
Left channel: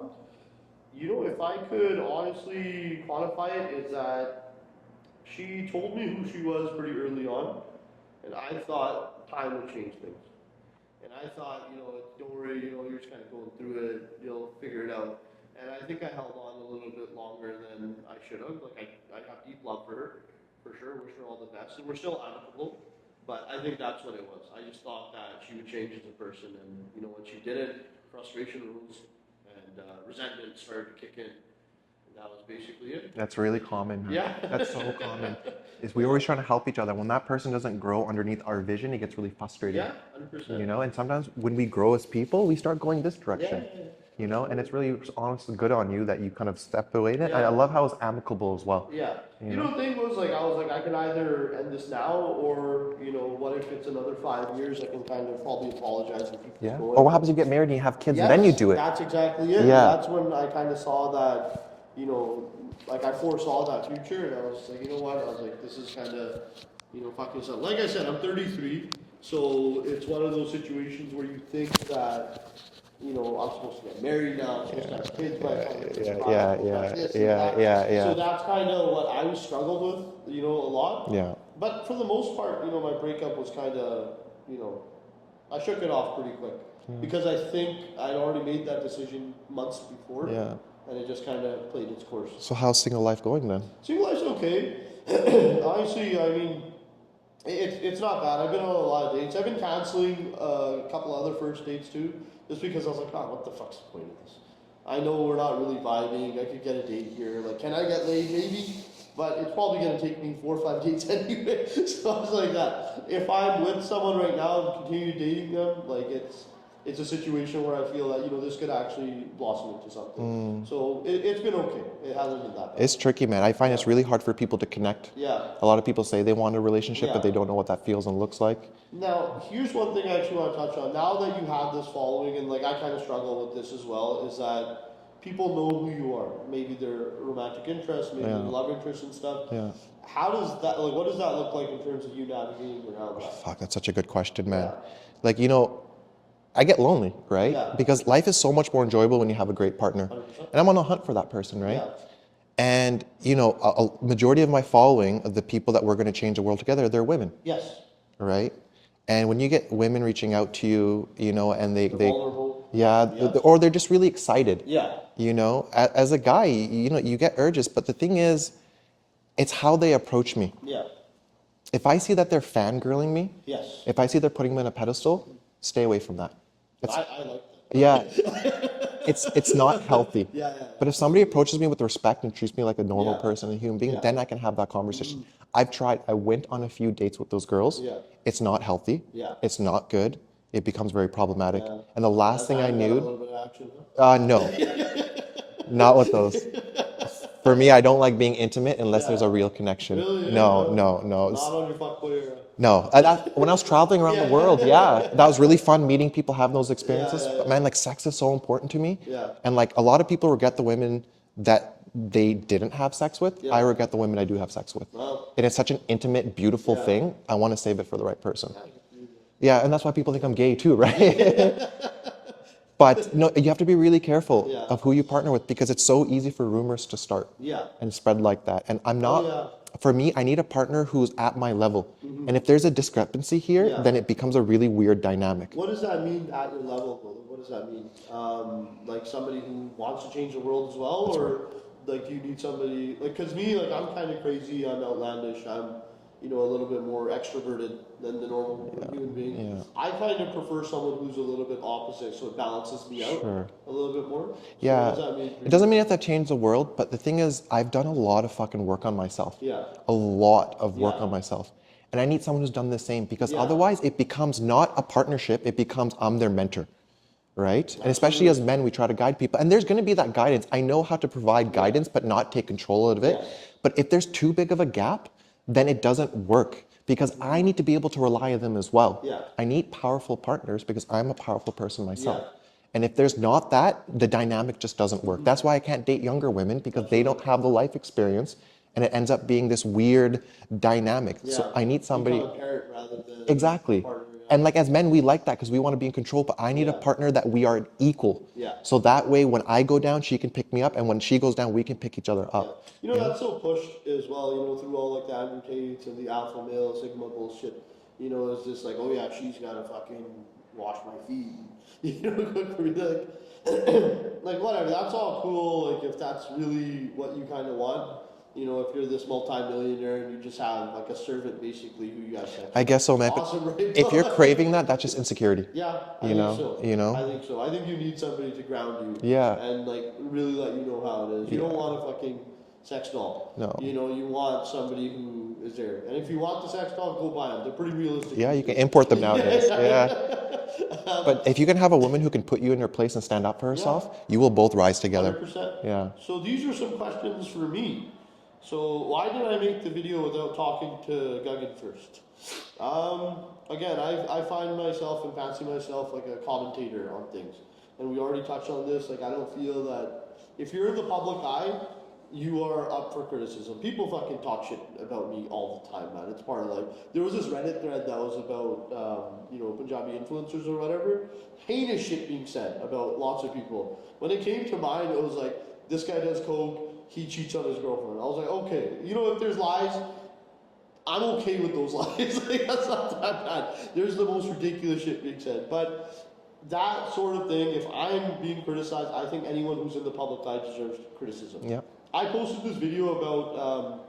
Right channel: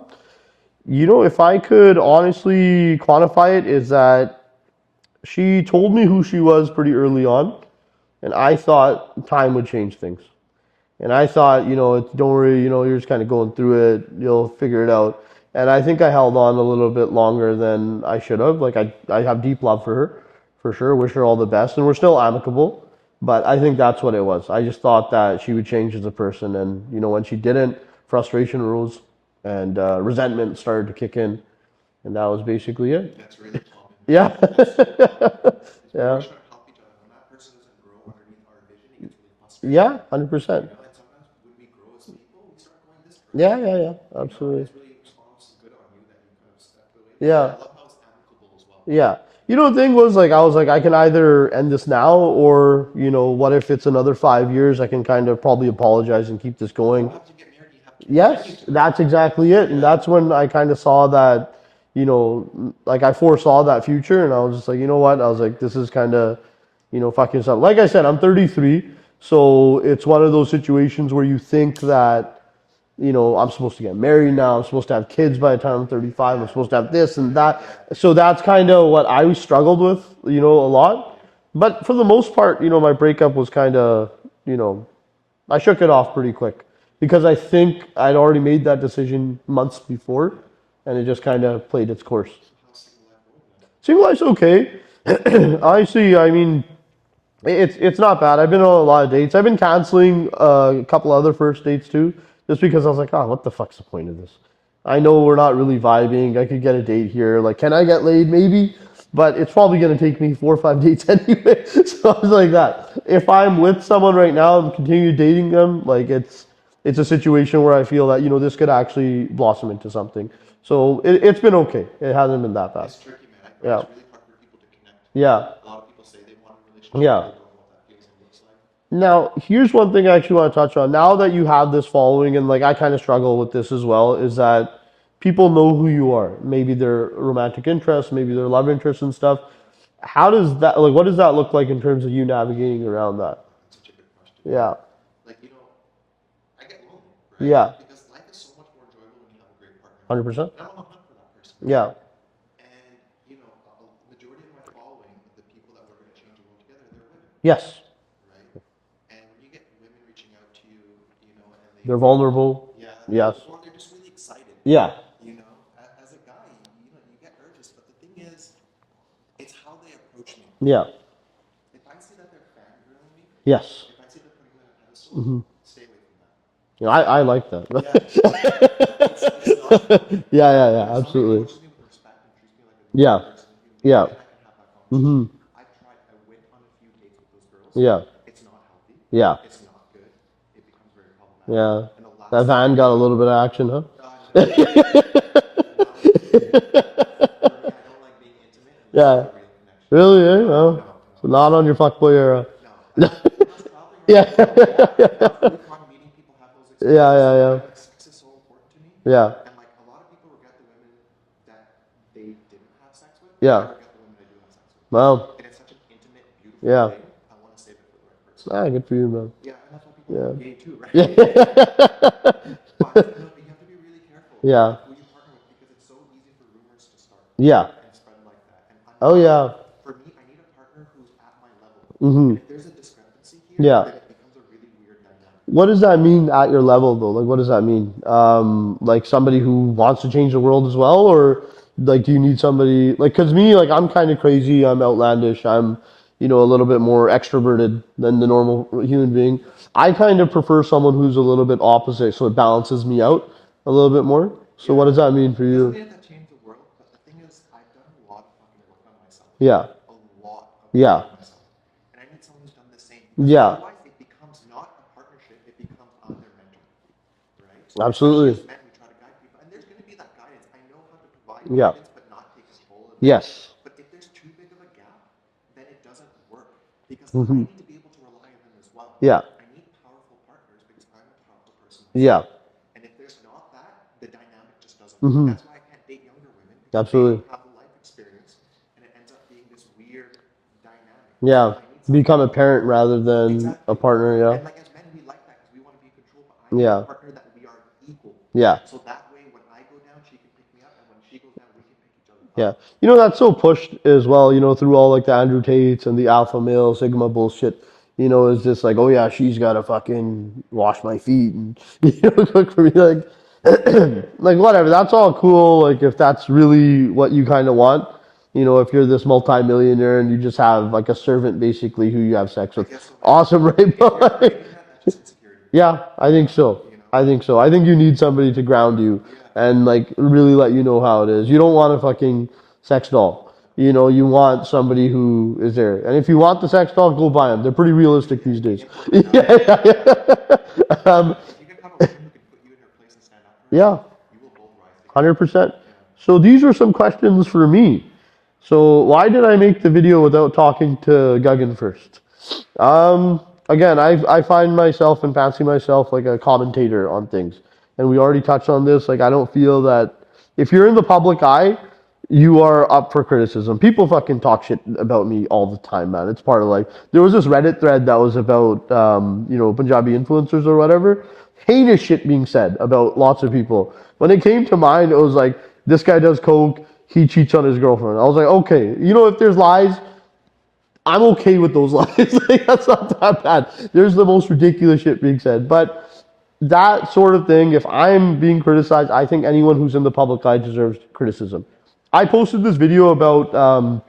if I could honestly quantify it, is that she told me who she was pretty early on, and I thought time would change things. And I thought, don't worry, you're just kind of going through it, you'll figure it out. And I think I held on a little bit longer than I should have. Like, I have deep love for her, for sure. Wish her all the best, and we're still amicable. But I think that's what it was. I just thought that she would change as a person, and when she didn't, frustration rose, and resentment started to kick in, and that was basically it. That's really common. Yeah. That's so common. We're always trying to help each other. When that person doesn't grow underneath our vision, it gets really frustrating. Yeah, 100%. And sometimes when we grow as people, we start going this direction. Yeah. Absolutely. And it's really honestly good on you that you kind of stepped away. Yeah. I love how it's amicable as well. Yeah. The thing was, I was like, I can either end this now, or, what if it's another 5 years? I can kind of probably apologize and keep this going. Or what happens if you get married and you have kids, and then you do it? That's exactly it. Yeah. And that's when I kind of saw that, I foresaw that future, and I was just like, you know what? I was like, this is kind of, fucking something. Like I said, I'm 33, so it's one of those situations where you think that, I'm supposed to get married now. I'm supposed to have kids by the time I'm 35. I'm supposed to have this and that. Yeah. So that's kind of what I struggled with, a lot. Yeah. But for the most part, my breakup was kind of, I shook it off pretty quick because I think I'd already made that decision months before. Yeah. And it just kind of played its course. So how's single life going then? Single life's okay. I mean, it's not bad. I've been on a lot of dates. I've been canceling a couple other first dates too, just because I was like, what the fuck's the point of this? I know we're not really vibing. I could get a date here. Like, can I get laid? Maybe. But it's probably going to take me 4 or 5 dates anyway. So I was like that. If I'm with someone right now and continue dating them, like it's a situation where I feel that, this could actually blossom into something. So it's been okay. It hasn't been that bad. It's tricky, man. I find it's really hard for people to connect. Yeah. A lot of people say they want a relationship, but they don't know what that feels and looks like. Now, here's one thing I actually want to touch on. Now that you have this following, and like I kind of struggle with this as well, is that people know who you are. Maybe their romantic interests, maybe their love interests and stuff. Yeah. How does that, what does that look like in terms of you navigating around that? Fuck, that's such a good question, man. Yeah. Like, I get lonely, right? Yeah. Because life is so much more enjoyable when you have a great partner. 100%. And I'm on a hunt for that person, right? Yeah. And, a majority of my following, of the people that we're going to change the world together, they're women. Yes. Right? And when you get women reaching out to you, and they're vulnerable. Yeah. Yes. Or they're just really excited. Yeah. As a guy, you get urges. But the thing is, it's how they approach me. Yeah. If I see that they're fangirling me, Yes. if I see they're putting me on a pedestal, stay away from that. I like that. Yeah. It's not healthy. Yeah. But if somebody approaches me with respect and treats me like a normal person, a human being, then I can have that conversation. I've tried. I went on a few dates with those girls. Yeah. It's not healthy. Yeah. It's not good. It becomes very problematic. Yeah. And the last That van got a little bit of action, huh? No. Not with those. For me, I don't like being intimate unless there's a real connection. Really? Yeah? No. Not on your fuckboy era. No. When I was traveling around the world, that was really fun meeting people, having those experiences. Yeah. Man, like sex is so important to me. Yeah. And like a lot of people regret the women that they didn't have sex with. Yeah. I regret the women I do have sex with. Wow. And it's such an intimate, beautiful thing. I want to save it for the right person. Good for you, man. Yeah, and that's why people think I'm gay too, right? But no, you have to be really careful of who you partner with because it's so easy for rumors to start and spread like that. And I'm not, for me, I need a partner who's at my level. And if there's a discrepancy here, then it becomes a really weird dynamic. What does that mean at your level though? Like, what does that mean? Like somebody who wants to change the world as well? Or like, do you need somebody, like, cause me, like, I'm kind of crazy. I'm outlandish. I'm, a little bit more extroverted than the normal human being. Yeah. I kind of prefer someone who's a little bit opposite, so it balances me out a little bit more. So what does that mean for you? It doesn't mean I have to change the world, but the thing is, I've done a lot of fucking work on myself. Yeah. A lot of work on myself. And I need someone who's done the same because otherwise it becomes not a partnership, it becomes I'm their mentor. Right? Absolutely. Especially as men, we try to guide people. And there's going to be that guidance. I know how to provide guidance, but not take control of it. Yes. But if there's too big of a gap, then it doesn't work because I need to be able to rely on them as well. Yeah. I need powerful partners because I'm a powerful person myself. Yeah. And if there's not that, the dynamic just doesn't work. That's why I can't date younger women because they don't have the life experience and it ends up being this weird dynamic. Yeah. So I need somebody. Become a parent rather than a partner. Yeah. And like as men, we like that because we want to be in control, but I need a partner that we are equal. Yeah. So that way, when I go down, she can pick me up. And when she goes down, we can pick each other up. Yeah. That's so pushed as well, through all like the Andrew Tates and the alpha male Sigma bullshit. Is just like, oh yeah, she's got to fucking wash my feet and, cook for me. Like, like whatever. That's all cool. Like if that's really what you kind of want. If you're this multi-millionaire and you just have like a servant basically who you have sex with. I guess so, man. Awesome, right? If you're craving that, that's just insecurity. Yeah, I think so. I think so. I think you need somebody to ground you. Yeah. And like really let you know how it is. You don't want a fucking sex doll. No. You want somebody who is there. And if you want the sex doll, go buy them. They're pretty realistic these days. You can import them nowadays. But if you can have a woman who can put you in your place and stand up for herself, you will both rise together. 100%. Yeah. So these are some questions for me. So why did I make the video without talking to GAGAN first? Again, I find myself and fancy myself like a commentator on things. And we already touched on this. Like, I don't feel that if you're in the public eye, you are up for criticism. People fucking talk shit about me all the time, man. It's part of life. There was this Reddit thread that was about, Punjabi influencers or whatever. heinous shit being said about lots of people. When it came to mine, it was like, this guy does coke, he cheats on his girlfriend. I was like, okay, you know, if there's lies, I'm okay with those lies. Like, that's not that bad. There's the most ridiculous shit being said. But that sort of thing, if I'm being criticized, I think anyone who's in the public eye deserves criticism. Yeah. I posted this video about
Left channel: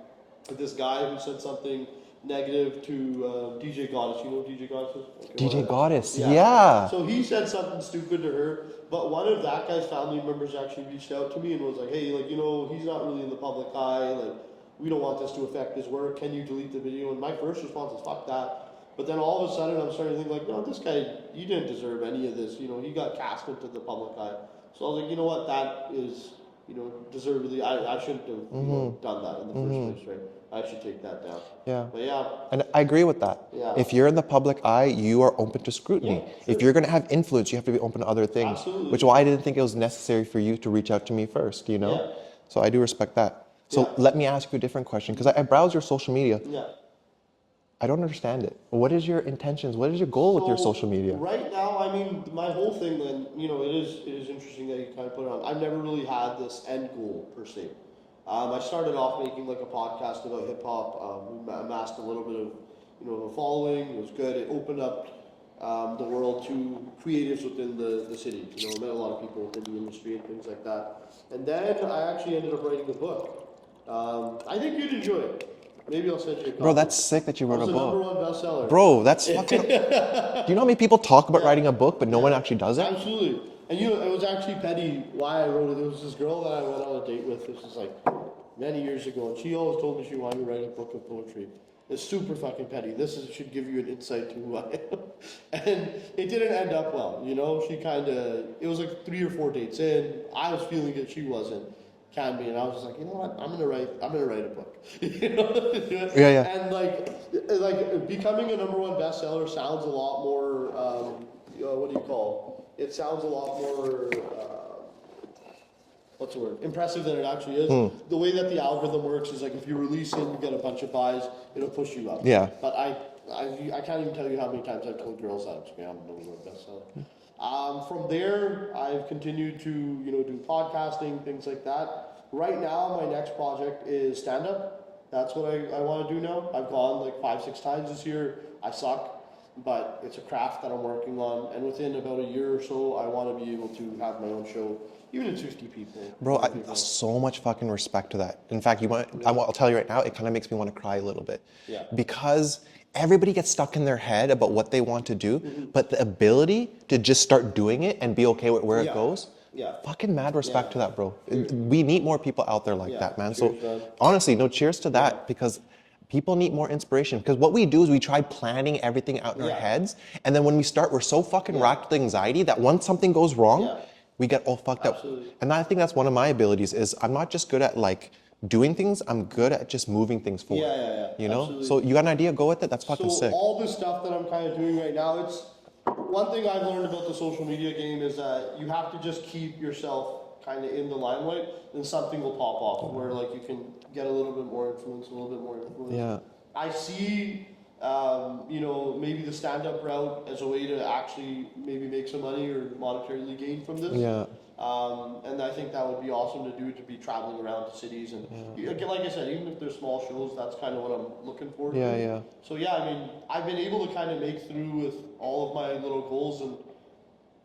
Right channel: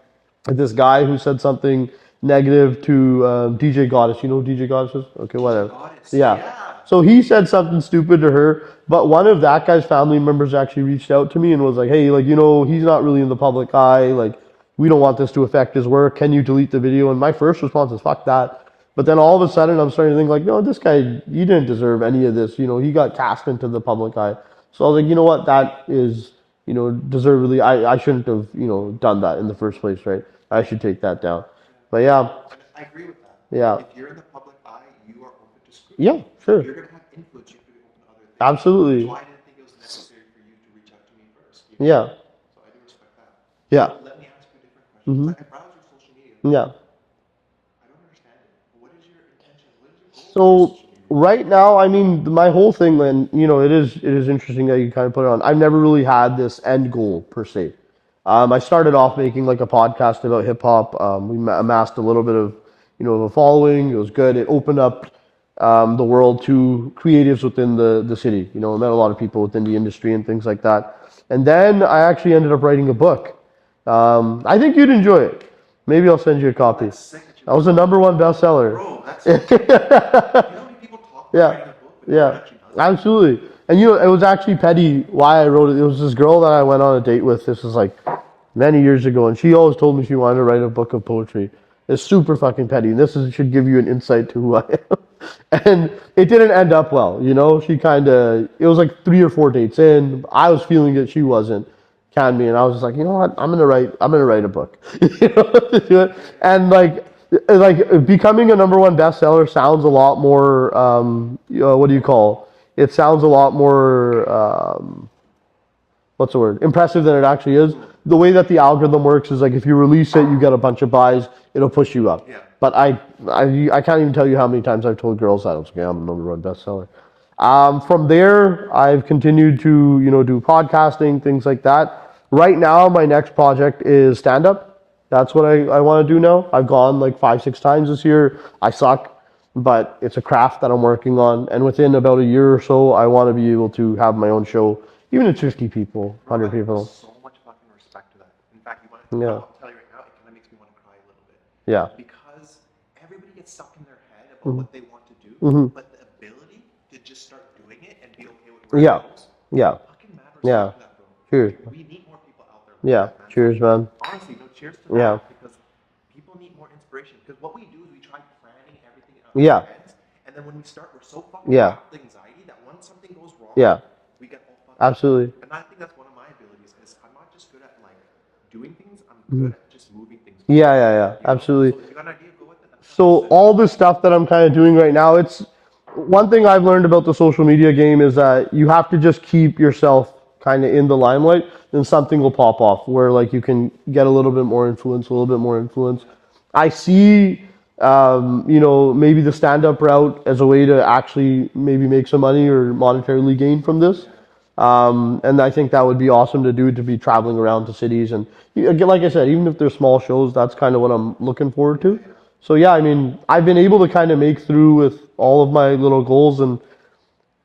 this guy who said something negative to DJ Goddess. You know who DJ Goddess is? Okay, whatever. DJ Goddess. Yeah. Yeah. So he said something stupid to her, but one of that guy's family members actually reached out to me and was like, hey, like, you know, he's not really in the public eye. Like, we don't want this to affect his work. Can you delete the video? And my first response is, fuck that. But then all of a sudden, I'm starting to think like, no, this guy, he didn't deserve any of this. You know, he got cast into the public eye. So I was like, you know what, that is, you know, deservedly, I shouldn't have, you know, done that in the first place, right? I should take that down. Yeah. But yeah. And I agree with that. Yeah. If you're in the public eye, you are open to scrutiny. Yeah, sure. If you're going to have influence, you have to be open to other things. Absolutely. Which is why I didn't think it was necessary for you to reach out to me first, you know? Yeah. So I do respect that. So Yeah. let me ask you a different question, because I browse your social media. Yeah. I don't understand it. What is your intentions? What is your goal with your social media? Right now, I mean, my whole thing, and you know, it is interesting that you kind of put it on. I've never really had this end goal per se. I started off making like a podcast about hip hop. We amassed a little bit of, you know, a following. It was good. It opened up the world to creatives within the city. You know, I met a lot of people within the industry and things like that. And then I actually ended up writing a book. I think you'd enjoy it. Maybe I'll send you a copy. Bro, that's sick that you That was a #1 bestseller. Bro, that's do you know how many people talk about writing a book, but no one actually does it? Absolutely. And you know, it was actually petty why I wrote it. It was this girl that I went on a date with. This was like many years ago, and she always told me she wanted to write a book of poetry. It's super fucking petty. This should give you an insight to who I am. And it didn't end up well, you know. She it was like 3 or 4 dates in. I was feeling it, she wasn't. Canned me, and I was just like, you know what? I'm gonna write a book. You know? Yeah. And like becoming a #1 bestseller sounds a lot more. What do you call? It sounds a lot more. What's the word? Impressive than it actually is. The way that the algorithm works is like if you release it, you get a bunch of buys. It'll push you up. Yeah. But I can't even tell you how many times I've told girls that. I was like, I'm a #1 bestseller. From there, I've continued to, you know, do podcasting, things like that. Right now, my next project is stand-up. That's what I want to do now. I've gone like 5-6 times this year. I suck, but it's a craft that I'm working on. And within about a year or so, I want to be able to have my own show, even at 50 people, Bro, 100 I people. have so much fucking respect to that. In fact, I'll tell you right now, it kind of makes me want to cry a little bit. Yeah. Because everybody gets stuck in their head about what they want to do, but the ability to just start doing it and be okay with where it goes. Yeah. Fucking mad respect to that, bro. Cheers. We need more people out there like Yeah. that, man. Cheers, man. Honestly, no, cheers to that, Yeah. because people need more inspiration. Because what we do is we try planning everything out in our heads, and then when we start, we're so fucking racked with anxiety that once something goes wrong, we get all fucked up. Absolutely. And I think that's one of my abilities is I'm not just good at like doing things, I'm good at just moving things forward. Yeah. You know? Absolutely. So you got an idea, go with it. That's fucking So sick. all the stuff that I'm kind of doing right now, it's one thing I've learned about the social media game is that you have to just keep yourself kind of in the limelight, then something will pop off where like you can get a little bit more influence, Yeah. I see, you know, maybe the stand-up route as a way to actually maybe make some money or monetarily gain from this. Yeah. And I think that would be awesome to do, to be traveling around to cities. And again, like I said, even if they're small shows, that's kind of what I'm looking forward to. Yeah. So yeah, I mean, I've been able to kind of make through with all of my little goals, and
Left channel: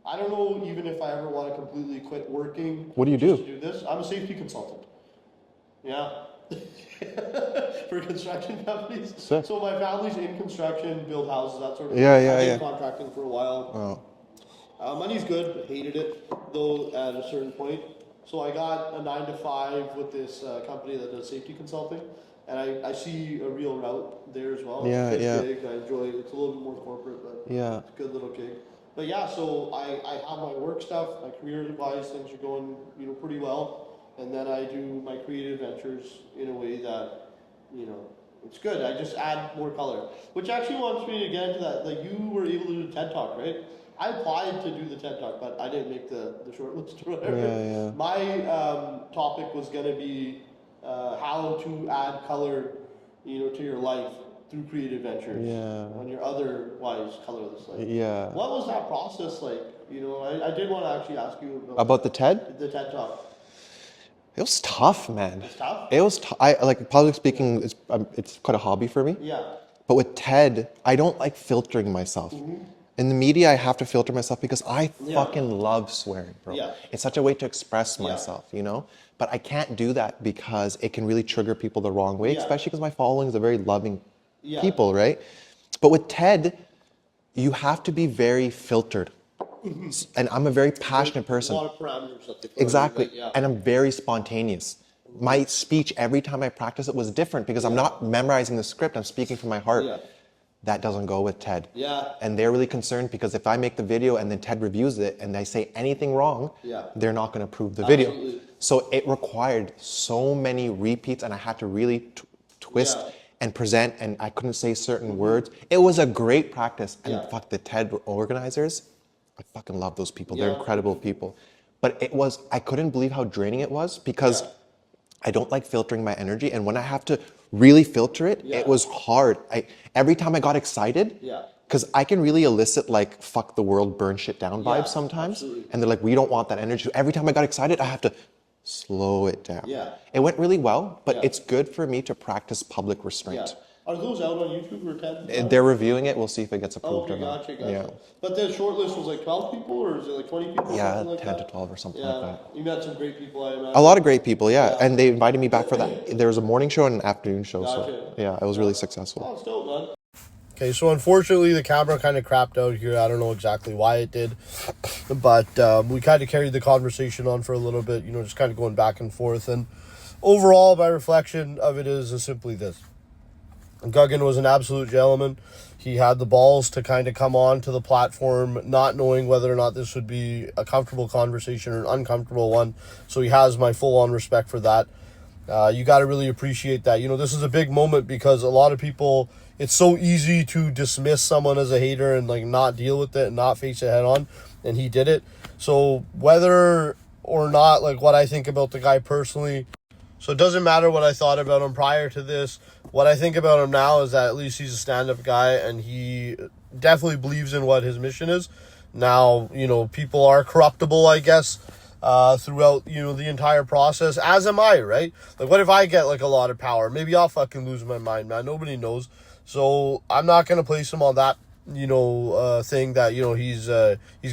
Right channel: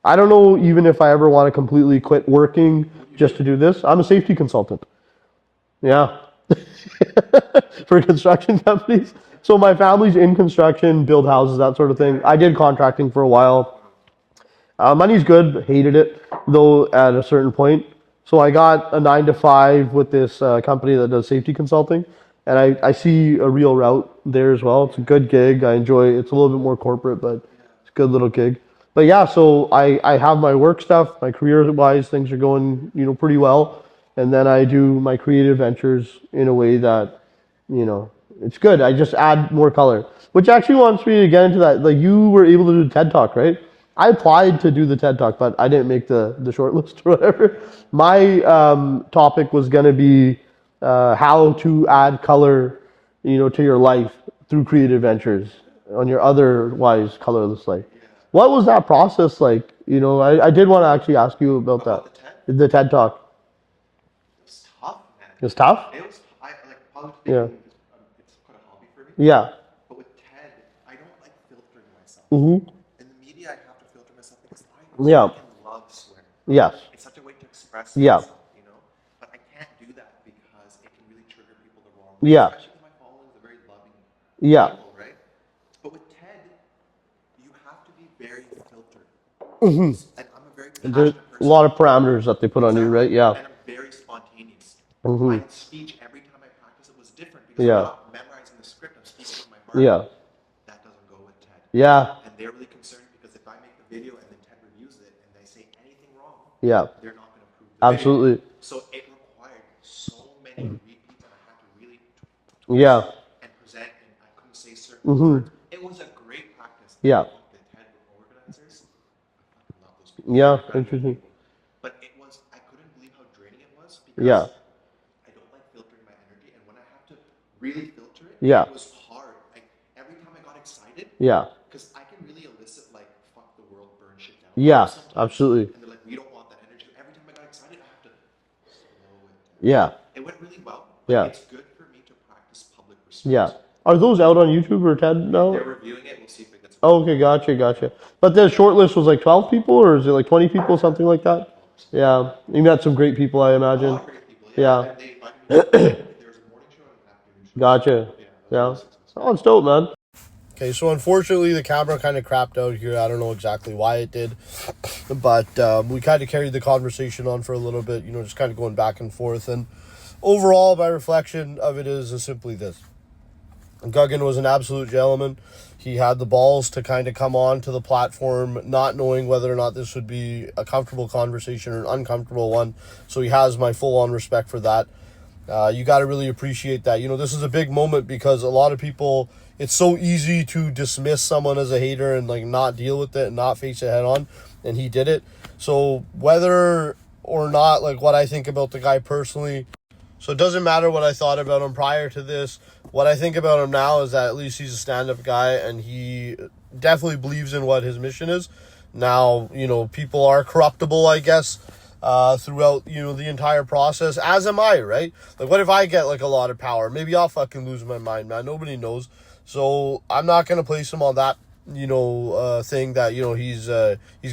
I don't know even if I ever want to completely quit working just to do this. I'm a safety consultant. Yeah. For construction companies. Sick. So my family's in construction, build houses, that sort of thing. I did contracting for a while. Money's good, but hated it though at a certain point. So I got a 9-to-5 with this company that does safety consulting, and I see a real route there as well. It's a good gig. I enjoy it. It's a little bit more corporate, but it's a good little gig. But yeah, so I have my work stuff, my career-wise, things are going, you know, pretty well. And then I do my creative ventures in a way that, you know, it's good. I just add more color, which actually wants me to get into that. Like you were able to do TED Talk, right? I applied to do the TED Talk, but I didn't make the short list or whatever. Yeah. My topic was going to be how to add color, you know, to your life through creative ventures on your otherwise colorless life. Yeah. What was that process like? You know, I did want to actually ask you about About that. the TED? The TED Talk. It was tough, man. It was tough? It was. I like public speaking. It's quite a hobby for me. Yeah. But with TED, I don't like filtering myself. In the media, I have to filter myself because I fucking love swearing. Bro. Yeah. It's such a way to express myself, you know? But I can't do that because it can really trigger people the wrong way, especially because my following is a very loving people, right? But with TED, you have to be very filtered. And I'm a very passionate person. A lot of parameters that they put on you, right? Yeah. And I'm very spontaneous. My speech, every time I practice it, was different because I'm not memorizing the script. I'm speaking from my heart. Yeah. That doesn't go with TED. Yeah. And they're really concerned because if I make the video and then TED reviews it and I say anything wrong, they're not going to approve the video. Absolutely. So it required so many repeats and I had to really twist and present and I couldn't say certain words. It was a great practice. And fuck, the TED organizers, I fucking love those people. They're incredible people. But it was, I couldn't believe how draining it was because I don't like filtering my energy. And when I have to really filter it, it was hard. Every time I got excited, because I can really elicit like fuck the world, burn shit down vibes sometimes. Absolutely. And they're like, we don't want that energy. So every time I got excited, I have to slow it down. Yeah. It went really well, but it's good for me to practice public respect. Yeah. Are those out on YouTube or TED now? They're reviewing it. We'll see if it gets Oh, approved. okay, gotcha. Yeah. But the short list was like 12 people, or is it like 20 people, something like 10 that? to 12 or something like that. You met some great people, I imagine. A lot of great people, and they invited me back for, there was a morning show and an afternoon show. Gotcha. So, it was really successful. Oh, it's dope, man. Okay, so unfortunately the camera kind of crapped out here. I don't know exactly why it did, but we kind of carried the conversation on for a little bit, you know, just kind of going back and forth. And overall, my reflection of it is simply this. GAGAN was an absolute gentleman. He had the balls to kind of come on to the platform, not knowing whether or not this would be a comfortable conversation or an uncomfortable one. So he has my full-on respect for that. You got to really appreciate that. You know, this is a big moment because a lot of people, it's so easy to dismiss someone as a hater and like not deal with it and not face it head on. And he did it. So whether or not like what I think about the guy personally, so it doesn't matter what I thought about him prior to this. What I think about him now is that at least he's a stand-up guy and he definitely believes in what his mission is. Now, you know, people are corruptible, I guess, throughout, you know, the entire process, as am I, right? Like, what if I get, like, a lot of power? Maybe I'll fucking lose my mind, man. Nobody knows. So I'm not going to place him on that, you know, thing that, you know, he's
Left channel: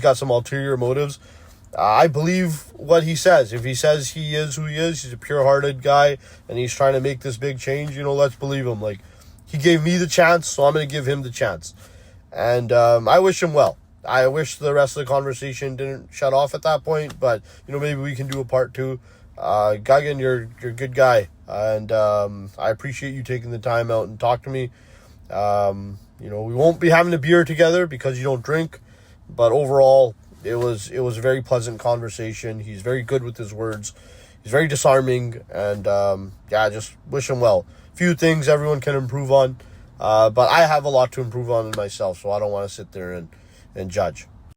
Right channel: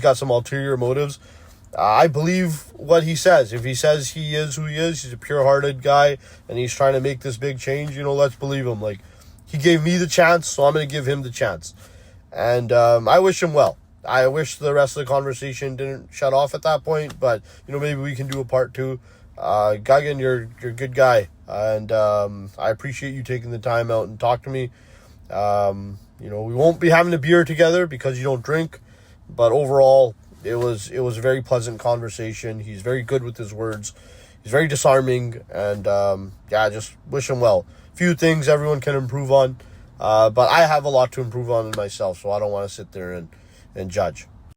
got some ulterior motives. I believe what he says. If he says he is who he is, he's a pure-hearted guy, and he's trying to make this big change, you know, let's believe him. Like, he gave me the chance, so I'm going to give him the chance. And I wish him well. I wish the rest of the conversation didn't shut off at that point, but, you know, maybe we can do a part 2. GAGAN, you're a good guy, and I appreciate you taking the time out and talk to me. You know, we won't be having a beer together because you don't drink, but overall, it was a very pleasant conversation. He's very good with his words. He's very disarming, and I just wish him well. Few things everyone can improve on, but I have a lot to improve on in myself, so I don't want to sit there and judge.